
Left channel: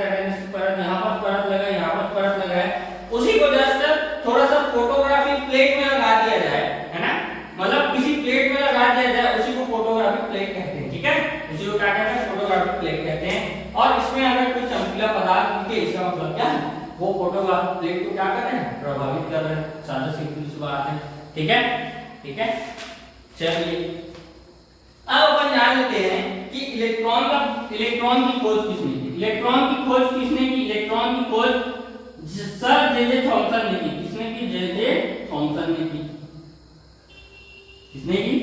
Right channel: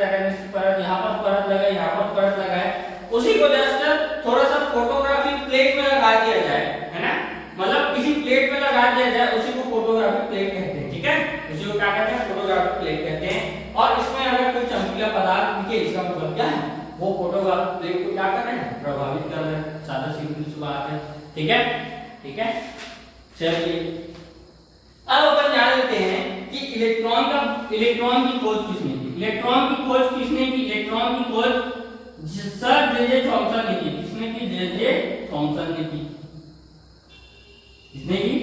उसी को जस्ट थोड़ा सा फोटोग्राफी प्लेट में लगा दिया जाए, है ना, मतलब किसी प्लेट में लगा दिया जाए, उसी को फोटोग्राफी प्लेट कहते हैं, ठीक है, उसी को क्या कहते हैं, फोटोग्राफी प्लेट कहते हैं। और इसमें अगर कोई चमकीला पदार्थ दिखे, इसका मतलब क्या है, वो फोटोग्राफी प्लेट को क्या कर रहे हैं, प्रभावित कर रहे हैं, सादा सीधी सी बात है, ठीक है, ठीक है। चलिए अब अपन जान लेते हैं कि इलेक्ट्रॉन की खोज किसने की, इलेक्ट्रॉन की खोज किसने की, इलेक्ट्रॉन की खोज सर जे थॉमसन ने की। किसने की, जे थॉमसन ने की, किसने की,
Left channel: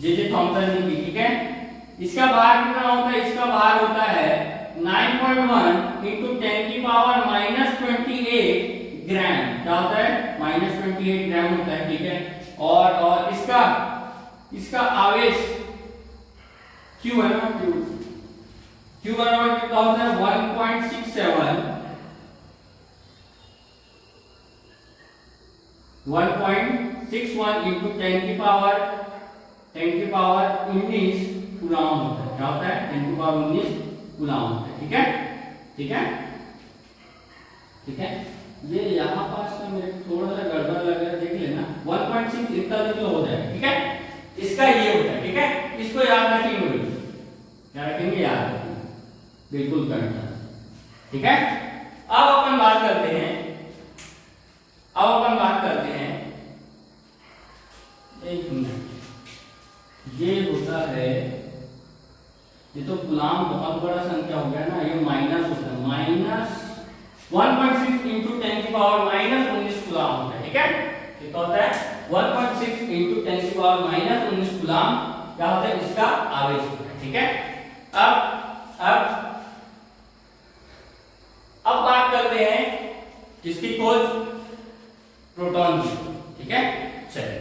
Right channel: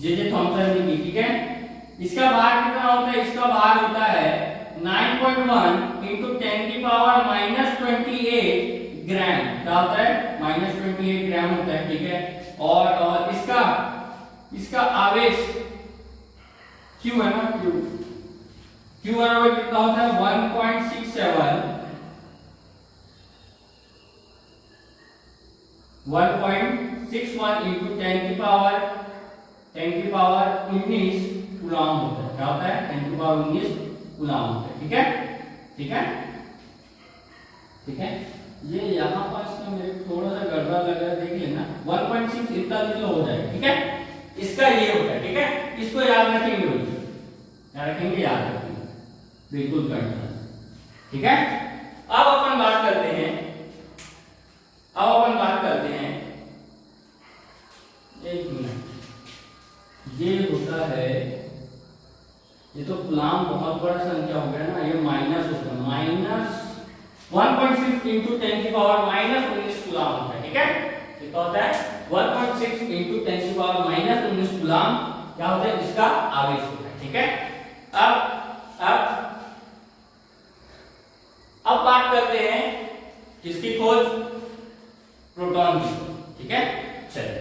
जे थॉमसन ने की, ठीक है। इसका भार कितना होता है, इसका भार होता है 9.1 इंटू 10 की पावर -28 ग्राम, क्या होता है, -28 ग्राम होता है, ठीक है। और इसका आवेश Q है ना, Q बराबर कितना होता है 1.61 इंटू 10 की पावर 19 कूलम होता है, क्या होता है, 10 की पावर 19 कूलम होता है, ठीक है, ठीक है, ठीक है। ये यहाँ पास में मेरे थोड़ा सा गड़बड़ लग रहा है, देख लेना, 1.6 इतना तो हो जाएगा, ठीक है। इसका ये होता है, ठीक है, इसको याद रखेंगे, क्या रखेंगे, याद रखेंगे, बिल्कुल करना, ठीक है। अब अपन बात करते हैं, एक मिनट, ये होता है, ये तो कूलम बहुत बड़ा संख्या हो गया ना, ये माइनस होता है, माइनस 1.6 इंटू 10 की पावर -19 कूलम होता है, ठीक है। कितना होता है 1.6 इंटू 10 की पावर -19 कूलम, क्या होता है, इसका आवेश होता है, ठीक है। अब बात करते हैं किसकी खोज, प्रोटॉन की, ठीक है। चलिए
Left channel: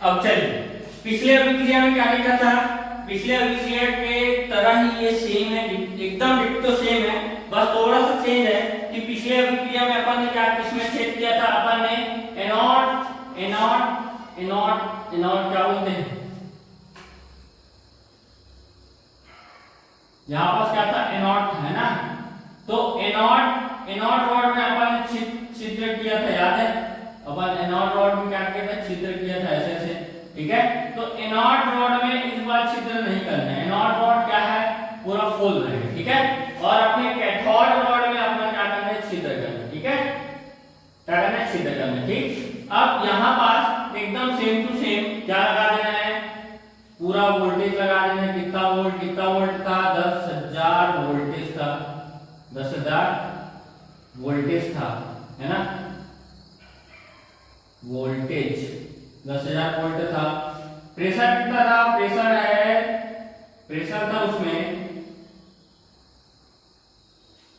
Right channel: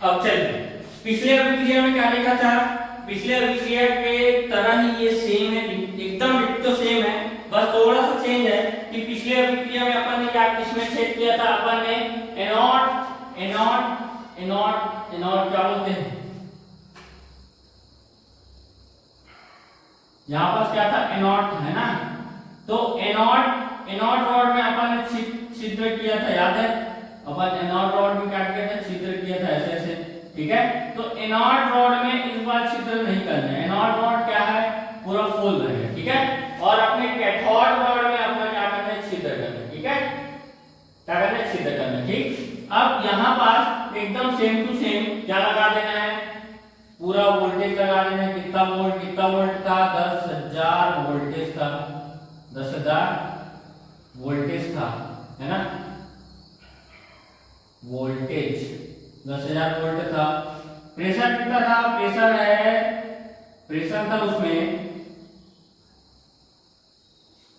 अब चलिए, पिछले अभिक्रिया में क्या लिखा था, पिछले अभिक्रिया के तरह ही ये सेम है, एकदम डिट्टो सेम है, बस थोड़ा सा चेंज है कि पिछले अभिक्रिया में अपन ने क्या किसमें छेद किया था, अपन ने एनोड क्या बोलते हैं, यहाँ पास क्या था, एनोड है ना, तो एनोड रॉड में अपन ने छिद्र किया था, याद है, अपन एनोड रॉड में क्या किया था, छिद्र किया था ऐसे ऐसे, ठीक है। तो एनोड रॉड में इस बार छिद्र नहीं करना है, एनोड रॉड क्या है, पूरा फुल रहेगा, ठीक है। और अपने कैथोड रॉड में अपना क्या करना है, छिद्र करना, ठीक है, क्या करना है, छिद्र करना, ठीक। अब यहाँ पास एकदम सेम टू सेम क्या लगा देना है, पूरा वोल्टेज लगा देना है, कितना वोल्ट था, 10,000 वोल्टेज था, 10,000 वोल्टेज था, है ना, वोल्टेज 10,000 वोल्ट था। प्रेशर कितना था, प्रेशर था उसमें,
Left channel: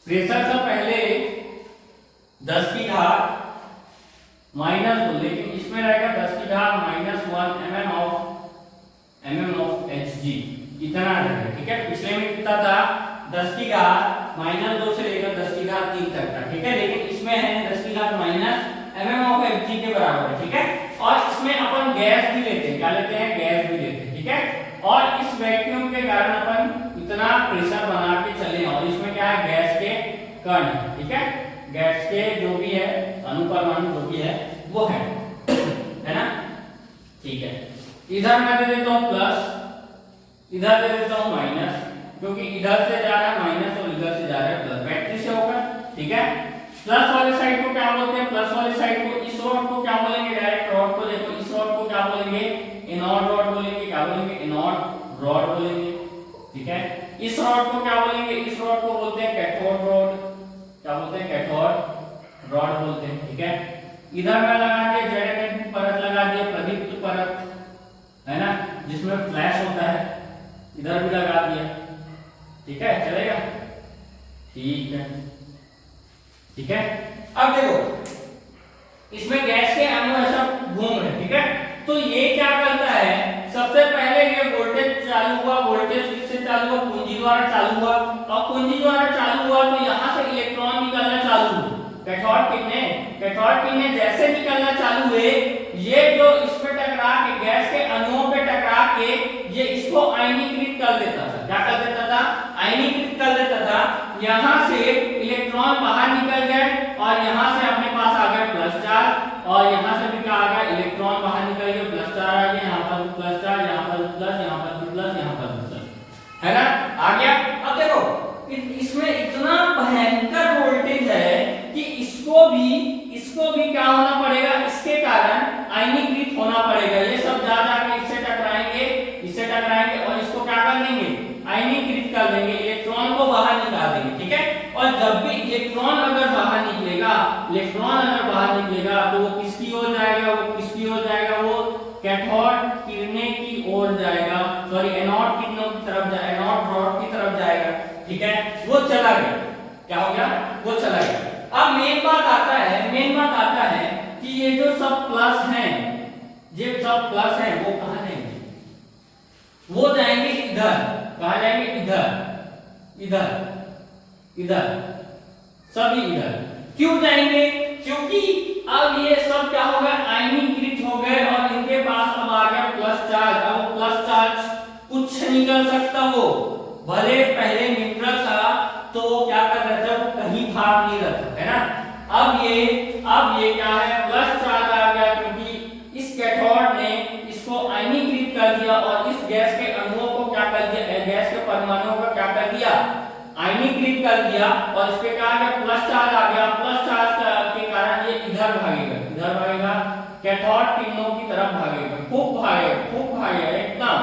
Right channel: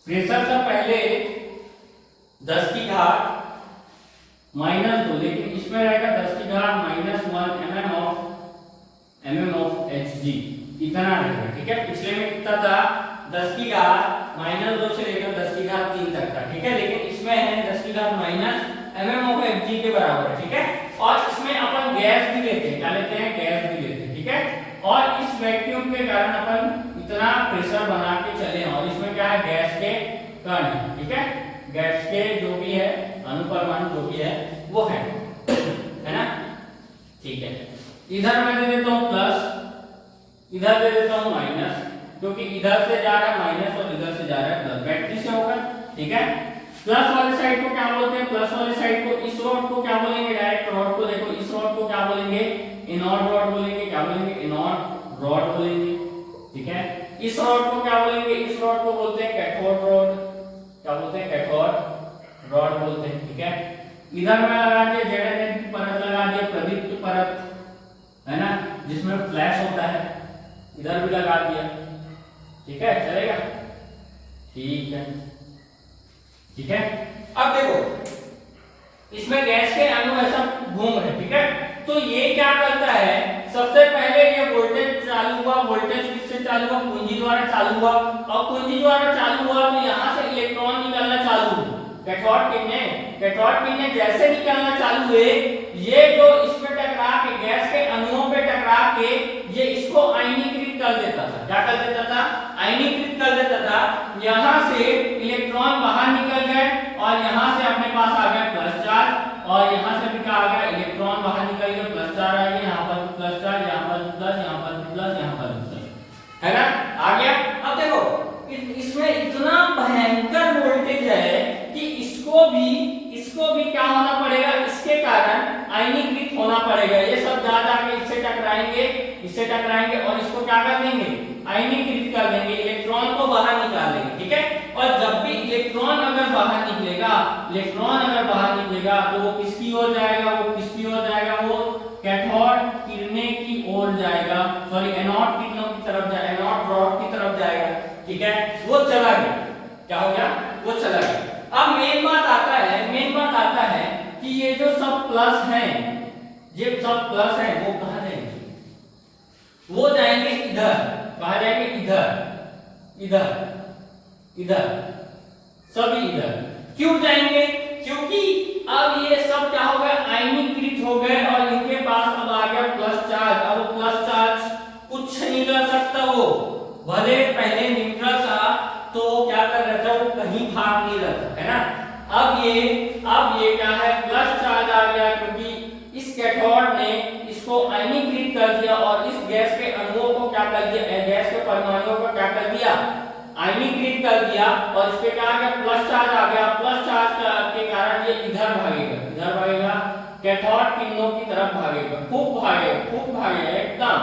प्रेशर था पहले 10 की घात -2, लेकिन इसमें रहेगा 10 की घात -1 mm of mm of Hg इतना रहेगा, ठीक है। पिछले में कितना था 10 की घात -2 से लेकर 10 की घात 3 तक था, ठीक है। लेकिन इसमें है 10 की घात माइनस mm ऑफ Hg के बराबर है, ठीक है। और इसमें अपन गैस भी लेते हैं, क्या लेते हैं, गैस भी लेते हैं, ठीक है। और इस वैक्यूम के कारण अपन इतना प्रेशर बना के चले, और इसमें क्या है, गैस के कण, ठीक है। गैस के जो भी है अणुपरमाणु जो भी है वो है ना, ठीक है। इधर मैं दे देता हूं प्लस, इधर दे देता हूं माइनस, क्योंकि इधर से जा रहा है माइनस और इधर से जा रहा है प्लस, बैटरी से होगा, ठीक है। प्लस वाले साइड को क्या बोलते हैं, प्लस वाले साइड को, इस रॉड को क्या बोलेंगे, डायरेक्ट रॉड को देखो, इस रॉड को क्या बोलेंगे, एनोड रॉड बोलेंगे, क्या बोलेंगे, एनोड रॉड बोलेंगे, ठीक है। इस रॉड को क्या बोलेंगे, इस रॉड को बोलते हैं कैथोड रॉड, क्या बोलते हैं, कैथोड रॉड बोलते हैं, ठीक है। इधर में लगा दिया जेड परत, लगा दिया प्रदीप्त परत, है ना, जिसमें फ्लैश होता है, इधर भी लगा दिया, ठीक है, चलेगा, ठीक है, ठीक है। अब देखो इसमें गैस के अणु ऐसा घूम रहे, ठीक है। तो ये क्या करता है, सबसे पहले ये वोल्टेज चालू हुआ, वोल्टेज किससे चालू हुआ, कुंजी द्वारा चालू हुआ, और कुंजी द्वारा चालू हुआ तो यहां से इलेक्ट्रॉन निकलना चालू हुए, कैथोड किरण में जैसे निकलना चालू हुए, ये जो इस पे टकरा के, गैस के अणुओं पे टकरा के, ये इसको आयनीकृत कर देता था, क्या कर देता था, आयनीकृत कर देता था। यहां से इलेक्ट्रॉन बाहर निकल गए और यहां से अपने पास आ गया प्लस चार्ज, और यहां से भी क्या आ गया, इलेक्ट्रॉन बाहर निकल गया, प्लस चार्ज आ गया, यहां पर प्लस चार्ज, यहां पर प्लस, यहां पर प्लस, यहां पर प्लस, है ना, आ गया। अब देखो इसमें इतना भयंकर वोल्टेज है कि इसको भी क्या होना पड़ेगा, इसके कारण आयनीकृत होना पड़ेगा। ये सब जा जाके इससे टकराएंगे और इसको क्या कर देंगे, आयनीकृत कर देंगे, इलेक्ट्रॉन को बाहर निकाल देंगे, ठीक है। और जब भी इलेक्ट्रॉन अगर बाहर निकलेगा तो वो किसकी ओर जाएगा, वो कैथोड किरणें की ओर जाएगा, सॉरी एनोड किरणों की तरफ जाएगा, एनोड रॉड की तरफ जाएगा, ठीक है। वो चला गया, क्या हो गया, वो चला गया। अब मेन बात आता है कि ये जो सब प्लस हैं, वो कहां जाएंगे, वो जाएंगे इधर, कहां जाएंगे, इधर सभी इधर। क्यों जाएंगे, क्योंकि अब ये सब क्या हो गए, आयनीकृत हो गए और इनके पास अब आ गया प्लस चार्ज। अब प्लस चार्ज कुछ नहीं कर सकता, वो भले पहले न्यूट्रल था तो क्या कर रहा था, वो कहीं भाग नहीं रहा था, है ना। अब ये क्या है, प्लस चार्ज आ गया, क्योंकि इस कैथोड ने इसको आयनीकृत कर दिया और इस गैस के अणुओं को क्या कर दिया, गैस के परमाणुओं को क्या कर दिया, आयनीकृत कर दिया, और इस पे क्या आ गया, प्लस चार्ज आ गया। प्लस चार्ज के कारण ये इधर भागेगा, कैथोड किरणों की तरफ भागेगा, खूब भागेगा, एकदम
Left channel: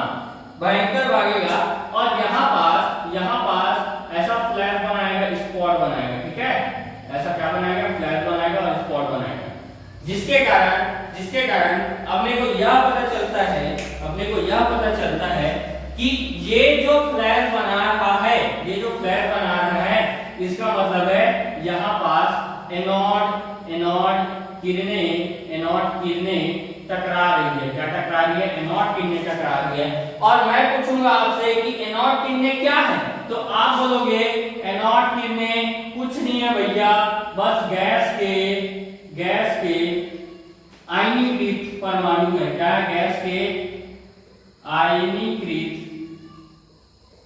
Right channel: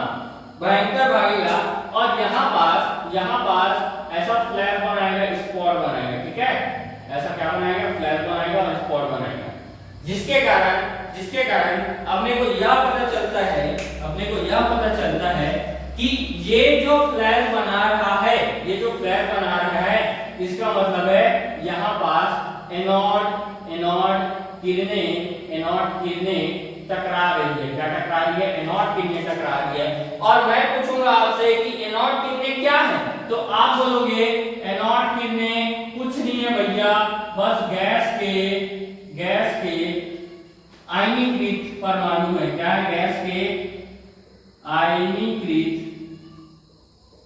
भयंकर भागेगा, और यहाँ पास ऐसा फ्लैश बनाएगा, स्पॉट बनाएगा, ठीक है। ऐसा क्या बनाएगा, फ्लैश बनाएगा और स्पॉट बनाएगा, जिसके कारण अपने को यह पता चलता है कि ये जो फ्लैश बना रहा है, इसका मतलब है यहाँ पास एनोड किरणें टकरा रही है, क्या टकरा रही है, एनोड किरणें टकरा रही है। और मैं पूछूंगा आपसे कि एनोड किरणें क्या है, तो आप बोलोगे एनोड किरणें कुछ नहीं है भैया, बस गैस के आयनीकृत परमाणु है। क्या है, गैस के आयनीकृत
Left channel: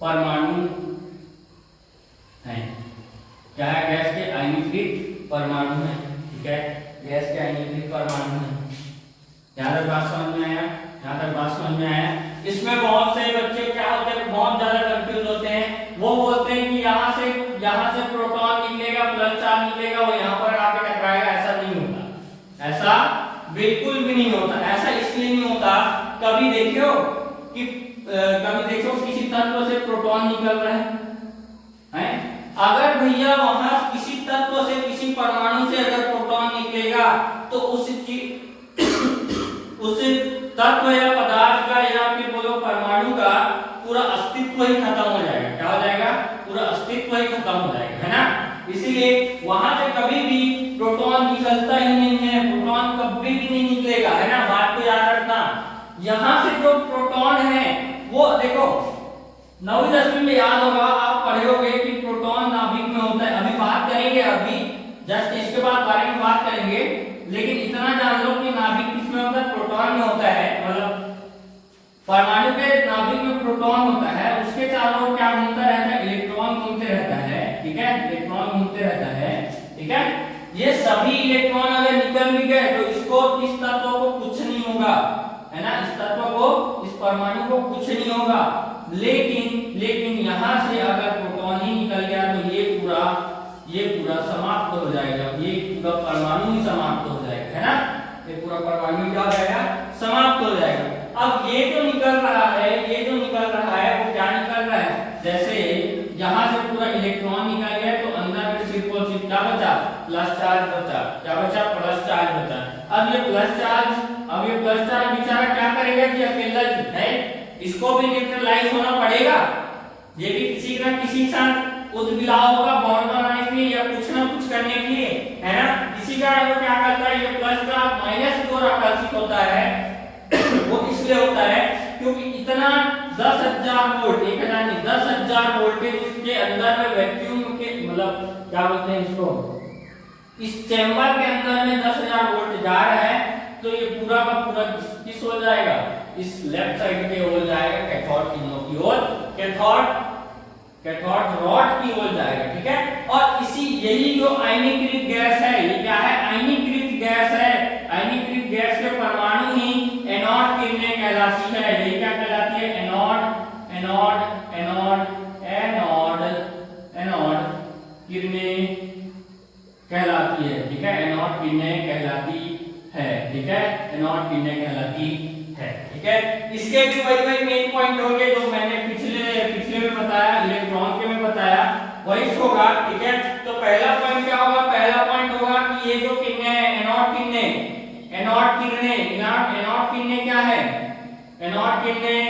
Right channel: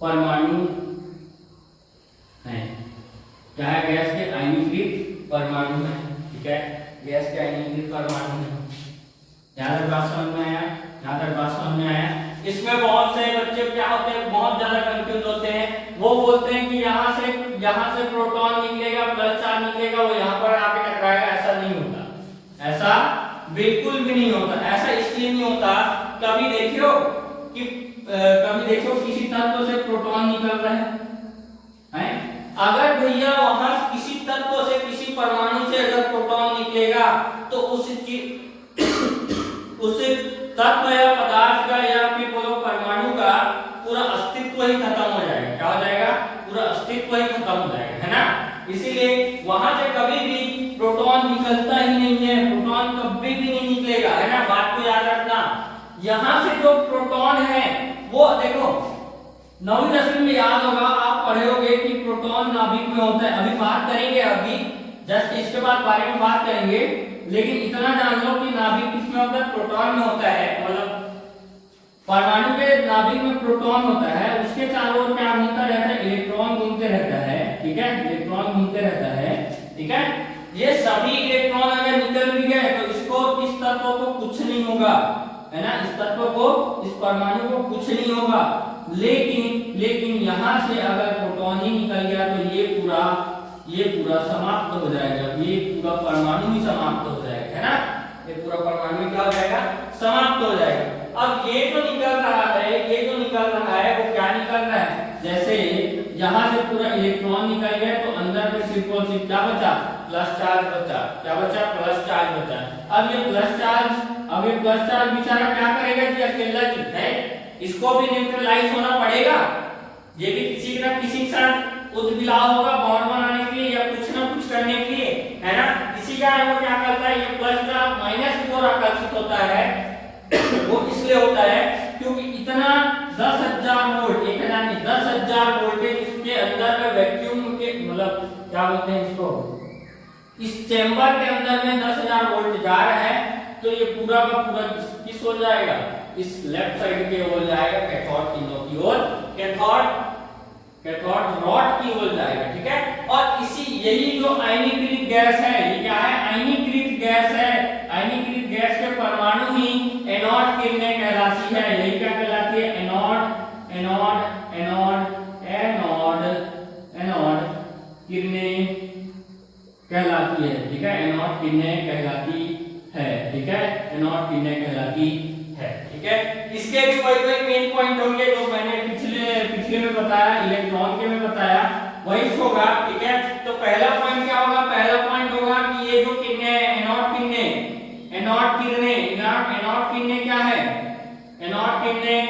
परमाणु है, क्या है, गैस के आयनीकृत परमाणु है, ठीक है, गैस के आयनीकृत परमाणु है। यहाँ तक बात समझ में आया। इसमें बहुत से बच्चे क्या होते हैं, बहुत ज्यादा कंफ्यूज होते हैं, वो बोलते हैं कि यहाँ से प्रोटॉन निकलेगा, प्लस चार्ज निकलेगा, वो यहाँ पर आके टकराएगा। ऐसा नहीं होता, ऐसा बिल्कुल भी नहीं होता। ऐसा इसलिए नहीं होता, कभी देखियो किसी तत्व से प्रोटॉन निकल रहा है, अगर भैया वहां किसी तत्व से, किसी परमाणु से अगर प्रोटॉन निकलेगा तो उस तत्व या पदार्थ का या फिर बोलो परमाणु का पूरा अस्तित्व ही खत्म हो जाएगा। क्या हो जाएगा, पूरा अस्तित्व ही खत्म हो जाएगा, है ना। इसीलिए वहां से कभी भी प्रोटॉन निकलता ही नहीं है, प्रोटॉन कभी भी नहीं निकलेगा, है ना। बात को याद रखना, यहाँ से जो प्रोटॉन है वो देखो 9वीं 10वीं में याद होगा, आप पढ़े होगे कि प्रोटॉन नाभिक में होता है। अभी बात करेंगे, अभी जस्ट इसके बाद बारे में बात करेंगे, लेकिन इतना जान लो कि नाभिक किसमें होता है, प्रोटॉन में होता है। मतलब परमाणु के नाभिक में प्रोटॉन होता है, उसके चारों ओर क्या घूमता रहता है, इलेक्ट्रॉन घूमते रहता है, ठीक है, इलेक्ट्रॉन घूमते रहता है, ठीक है। ये सभी इलेक्ट्रॉन अगर निकल भी गए तो इसको, इस तत्व को कुछ नहीं होगा, है ना, इस तत्व को, इस परमाणु को कुछ नहीं होगा। लेकिन यहां से अगर प्रोटॉन ही निकल गया तो ये पूरा समाप्त हो जाएगा, ये पूरा परमाणु ही समाप्त हो जाएगा, है ना, ये पूरा परमाणु क्या हो जाएगा, समाप्त हो जाएगा। अब ये जो निकल रहा है वो क्या निकल रहा है, जैसे यहां से पूरा इलेक्ट्रॉन निकल गया तो अंदर में सिर्फ और सिर्फ क्या बचा, प्लस चार्ज बचा, क्या बचा, प्लस चार्ज बचा। अब ये प्लस चार्ज बेचारा क्या करेगा जी, अकेला जी है, इसको भी न्यूट्रलाइज होना पड़ेगा, ये भी किसी ना किसी के साथ उद्विलाव होगा बॉन्ड बनाने के लिए या कुछ ना कुछ करने के लिए, है ना। इसी कारण वो क्या करता है, ये प्लस चार्ज माइनस की ओर आकर्षित होता है वो इसलिए होता है क्योंकि इतना 10,000 वोल्ट, 1000 नहीं 10,000 वोल्टेज इसके अंदर में वैक्यूम के, मतलब क्या बोलते हैं इसको, इस चेंबर के अंदर में 10,000 वोल्ट जा रहा है, तो ये पूरा का पूरा किस हो जाएगा, इस लेफ्ट साइड के ओर जाएगा, कैथोड किरणों की ओर, कैथोड रॉड की ओर जाएगा, ठीक है। और इसी यही जो आयनीकृत गैस है, ये क्या है, आयनीकृत गैस है, आयनीकृत गैस के परमाणु ही एनोड किरणें कहलाती है। यही क्या कहलाती है, एनोड किरणें कहलाती है, ठीक है, एनोड किरणें कहलाती है, ठीक है, एनोड किरणें कहलाती है, ठीक है। इसके भी वही मेन पॉइंट होंगे जो मैंने पिछले में बताया, इलेक्ट्रॉन के में बताया, वही होगा, ठीक है। तो पहला पॉइंट क्या होगा, पहला पॉइंट होगा कि ये जो किरणें हैं, एनोड किरणें क्या है, एनोड किरणें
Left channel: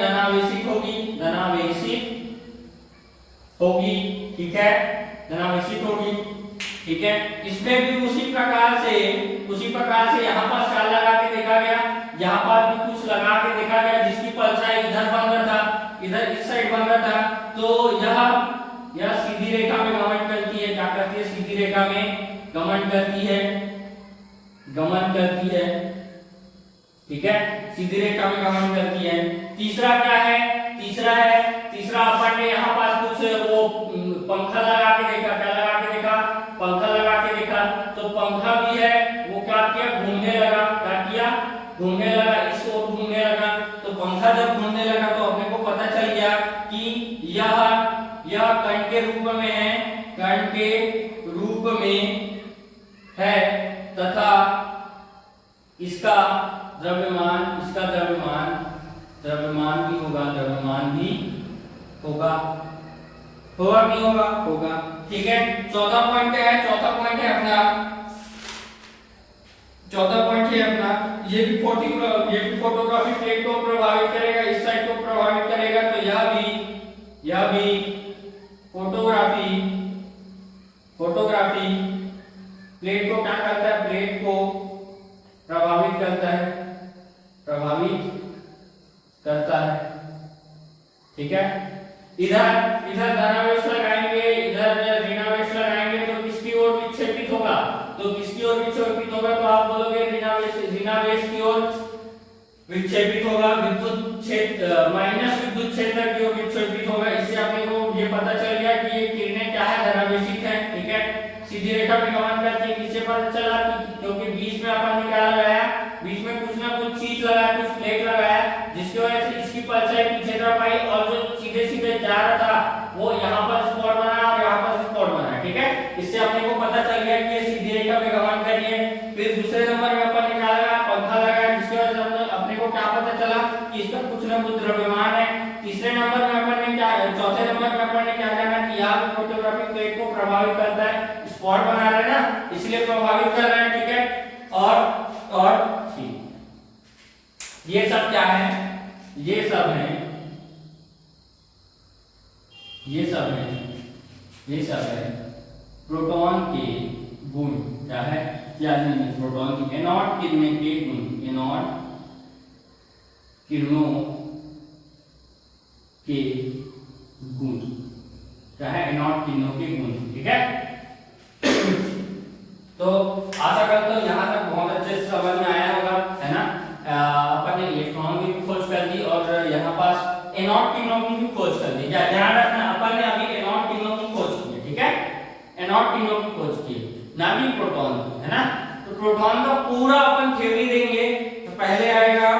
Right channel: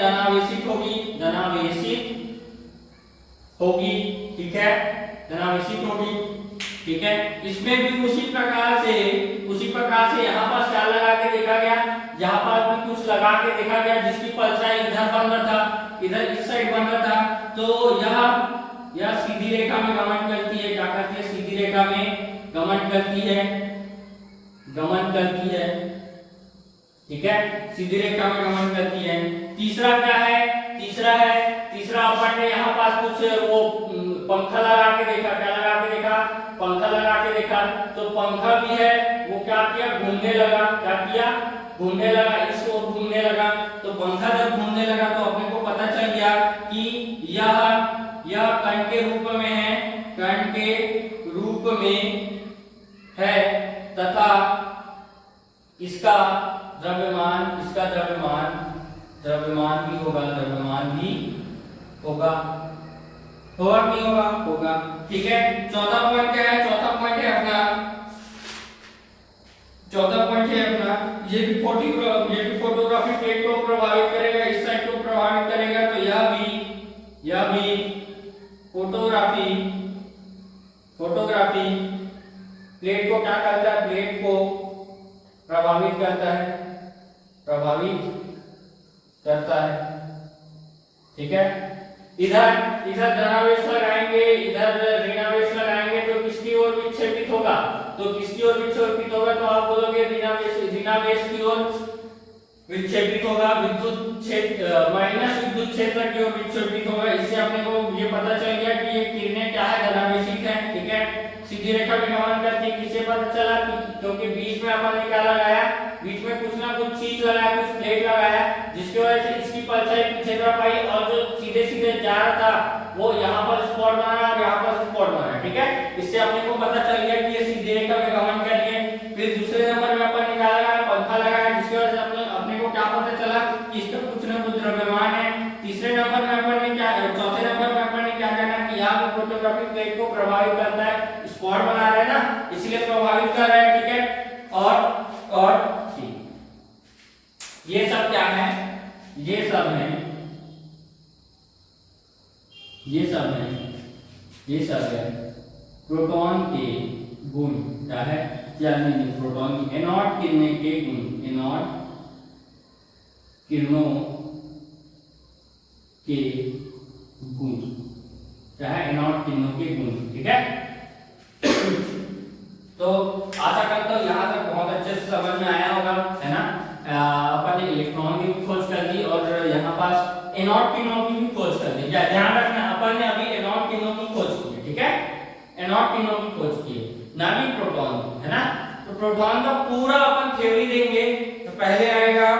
धनावेशित होगी, ठीक है, धनावेशित होगी, ठीक है। इसमें भी उसी प्रकार से यहाँ पर क्या लगा के देखा गया, यहाँ पर भी कुछ लगा के देखा गया जिसकी परछाई इधर बन रहा था, इधर इस साइड बन रहा था, तो यह सीधी रेखा में गमन करती है, क्या करती है, सीधी रेखा में गमन करती है, ठीक है, सीधी रेखा में गमन करती है। तीसरा क्या है, तीसरा अपन ने यहाँ पास कुछ वो पंखा लगा के देखा, क्या लगा के देखा, पंखा लगा के देखा, तो पंखा भी है वो क्या किया, घूमने लगा, क्या किया, घूमने लगा, इस ओर घूमने लगा। तो पंखा जब घूमने लगा तो अपने को पता चल गया कि यह कण के रूप में है, कण के रूप में है, तथा इसका द्रव्यमान भी होगा, होगा नहीं होगा, ठीक है। चौथा पॉइंट क्या है, चौथा पॉइंट है अपना, ये भी फोटोग्राफी प्लेट को प्रभावित करेगा, इस साइड को प्रभावित करेगा, तो यह भी फोटोग्राफी प्लेट को क्या करता है, प्लेट को प्रभावित करता है, ठीक है। इधर धनावेश लगाएंगे, इधर ऋणावेश लगाएंगे, तो किसकी ओर विक्षेपित होगा, तो आप बोलोगे ऋणावेश की ओर विक्षेपित होगा, विद्युत क्षेत्र माइनस विद्युत क्षेत्र की ओर विक्षेपित होगा। इससे अपने को ये पता चल गया कि ये किरणें क्या है, धनावेशित है, ठीक है, सीधी रेखा में गमन करती है। किससे पता चला, क्योंकि बीच में अपन ने क्या लगाया, बीच में कुछ ना कुछ चीज लगाया, कुछ प्लेट लगाया, जिसकी वजह से इसकी परछाई पीछे तरफ आई और जो सीधे जा रहा था वो यहाँ पर स्पॉट बनाया और यहाँ पर स्पॉट बनाया, ठीक है। इससे अपने को पता चल गया कि ये सीधी रेखा में गमन कर रही है। फिर दूसरे नंबर में अपन ने क्या लगाया, पंखा लगाया, जिसकी वजह से अपने को क्या पता चला कि इसका कुछ ना कुछ द्रव्यमान है। तीसरे नंबर में अपन ने क्या, चौथे नंबर में अपन ने क्या करना कि यहाँ पे फोटोग्राफिक प्लेट को प्रभावित करता है, स्पॉट बना रहा है ना, इसलिए प्रभावित कर रहा है, ठीक है। और ये सब क्या है, ये सब है प्रोटॉन के गुण, क्या है, क्या नहीं, प्रोटॉन की एनोड किरणें के गुण, एनोड किरणों के गुण, क्या है, एनोड किरणों के गुण, ठीक है। तो आशा करता हूँ यहाँ तक बहुत अच्छे से समझ में आया होगा, है ना। अपन ने इलेक्ट्रॉन की भी खोज कर ली और यहाँ पास एनोड किरणों की भी खोज कर ली। ध्यान रखना, अपन ने अभी एनोड किरणों की खोज की है, ठीक है, एनोड किरणों की खोज की है, ना कि प्रोटॉन की, है ना। तो प्रोटॉन का पूरा अपन थ्योरी देंगे। तो पहले आएगा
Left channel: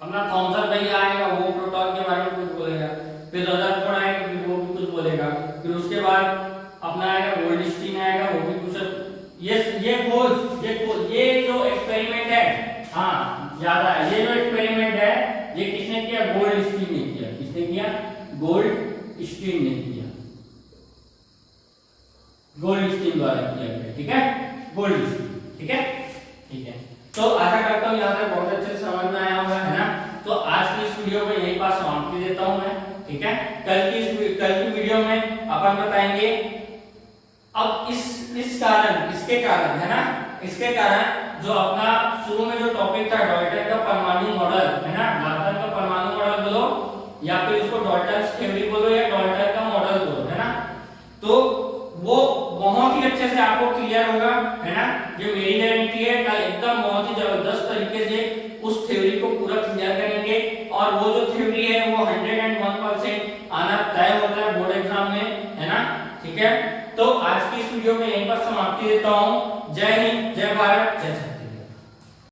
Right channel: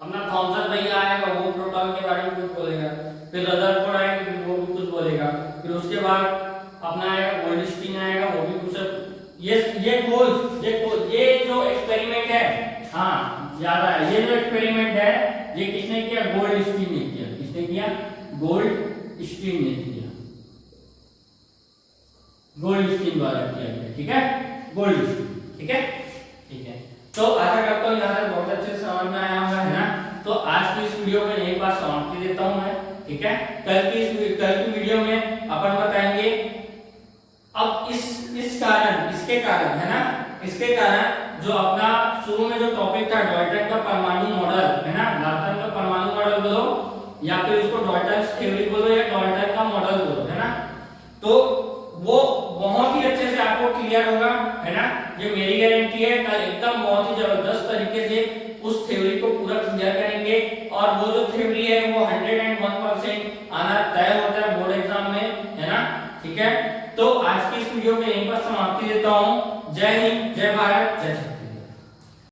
अपना थॉमसन भैया आएगा, वो प्रोटॉन के बारे में कुछ बोलेगा, फिर रदरफोर्ड आएगा, वो भी कुछ बोलेगा, फिर उसके बाद अपना आएगा गोल्डस्टीन आएगा, वो भी कुछ, ये जो एक्सपेरिमेंट है, हाँ ज्यादा है, ये जो एक्सपेरिमेंट है ये किसने किया, गोल्डस्टीन ने किया। किसने किया, गोल्डस्टीन ने किया, गोल्डस्टीन द्वारा किया गया, ठीक है, गोल्डस्टीन, ठीक है, ठीक है। तो आशा करता हूँ यहाँ तक बहुत अच्छे से समझ में आया होगा, है ना। तो आज की इस वीडियो में यही बात समाप्ति देता हूँ मैं, ठीक है। कल की वीडियो में अपन बताएंगे अब इसके कारण, है ना, इसके कारण जो अपना शुरू में जो टॉपिक था डाल्टन का परमाणु मॉडल, है ना, डाल्टन का परमाणु मॉडल बोलो या फिर इसको डाल्टन थ्योरी बोलो या डाल्टन का मॉडल बोलो, है ना। तो वो बहुत ही अच्छे से आपको क्लियर होगा, है ना, ये मेरी गारंटी है। कल एकदम बहुत ही जबरदस्त तरीके से उस थ्योरी को पूरा क्लियर करेंगे और वो जो थ्योरी है वो 101% आना तय होता है बोर्ड एग्जाम में, है ना, ठीक है। तो आज की इस वीडियो में यहीं पर समाप्ति देता हूँ। जय हिंद, जय भारत, जय जय।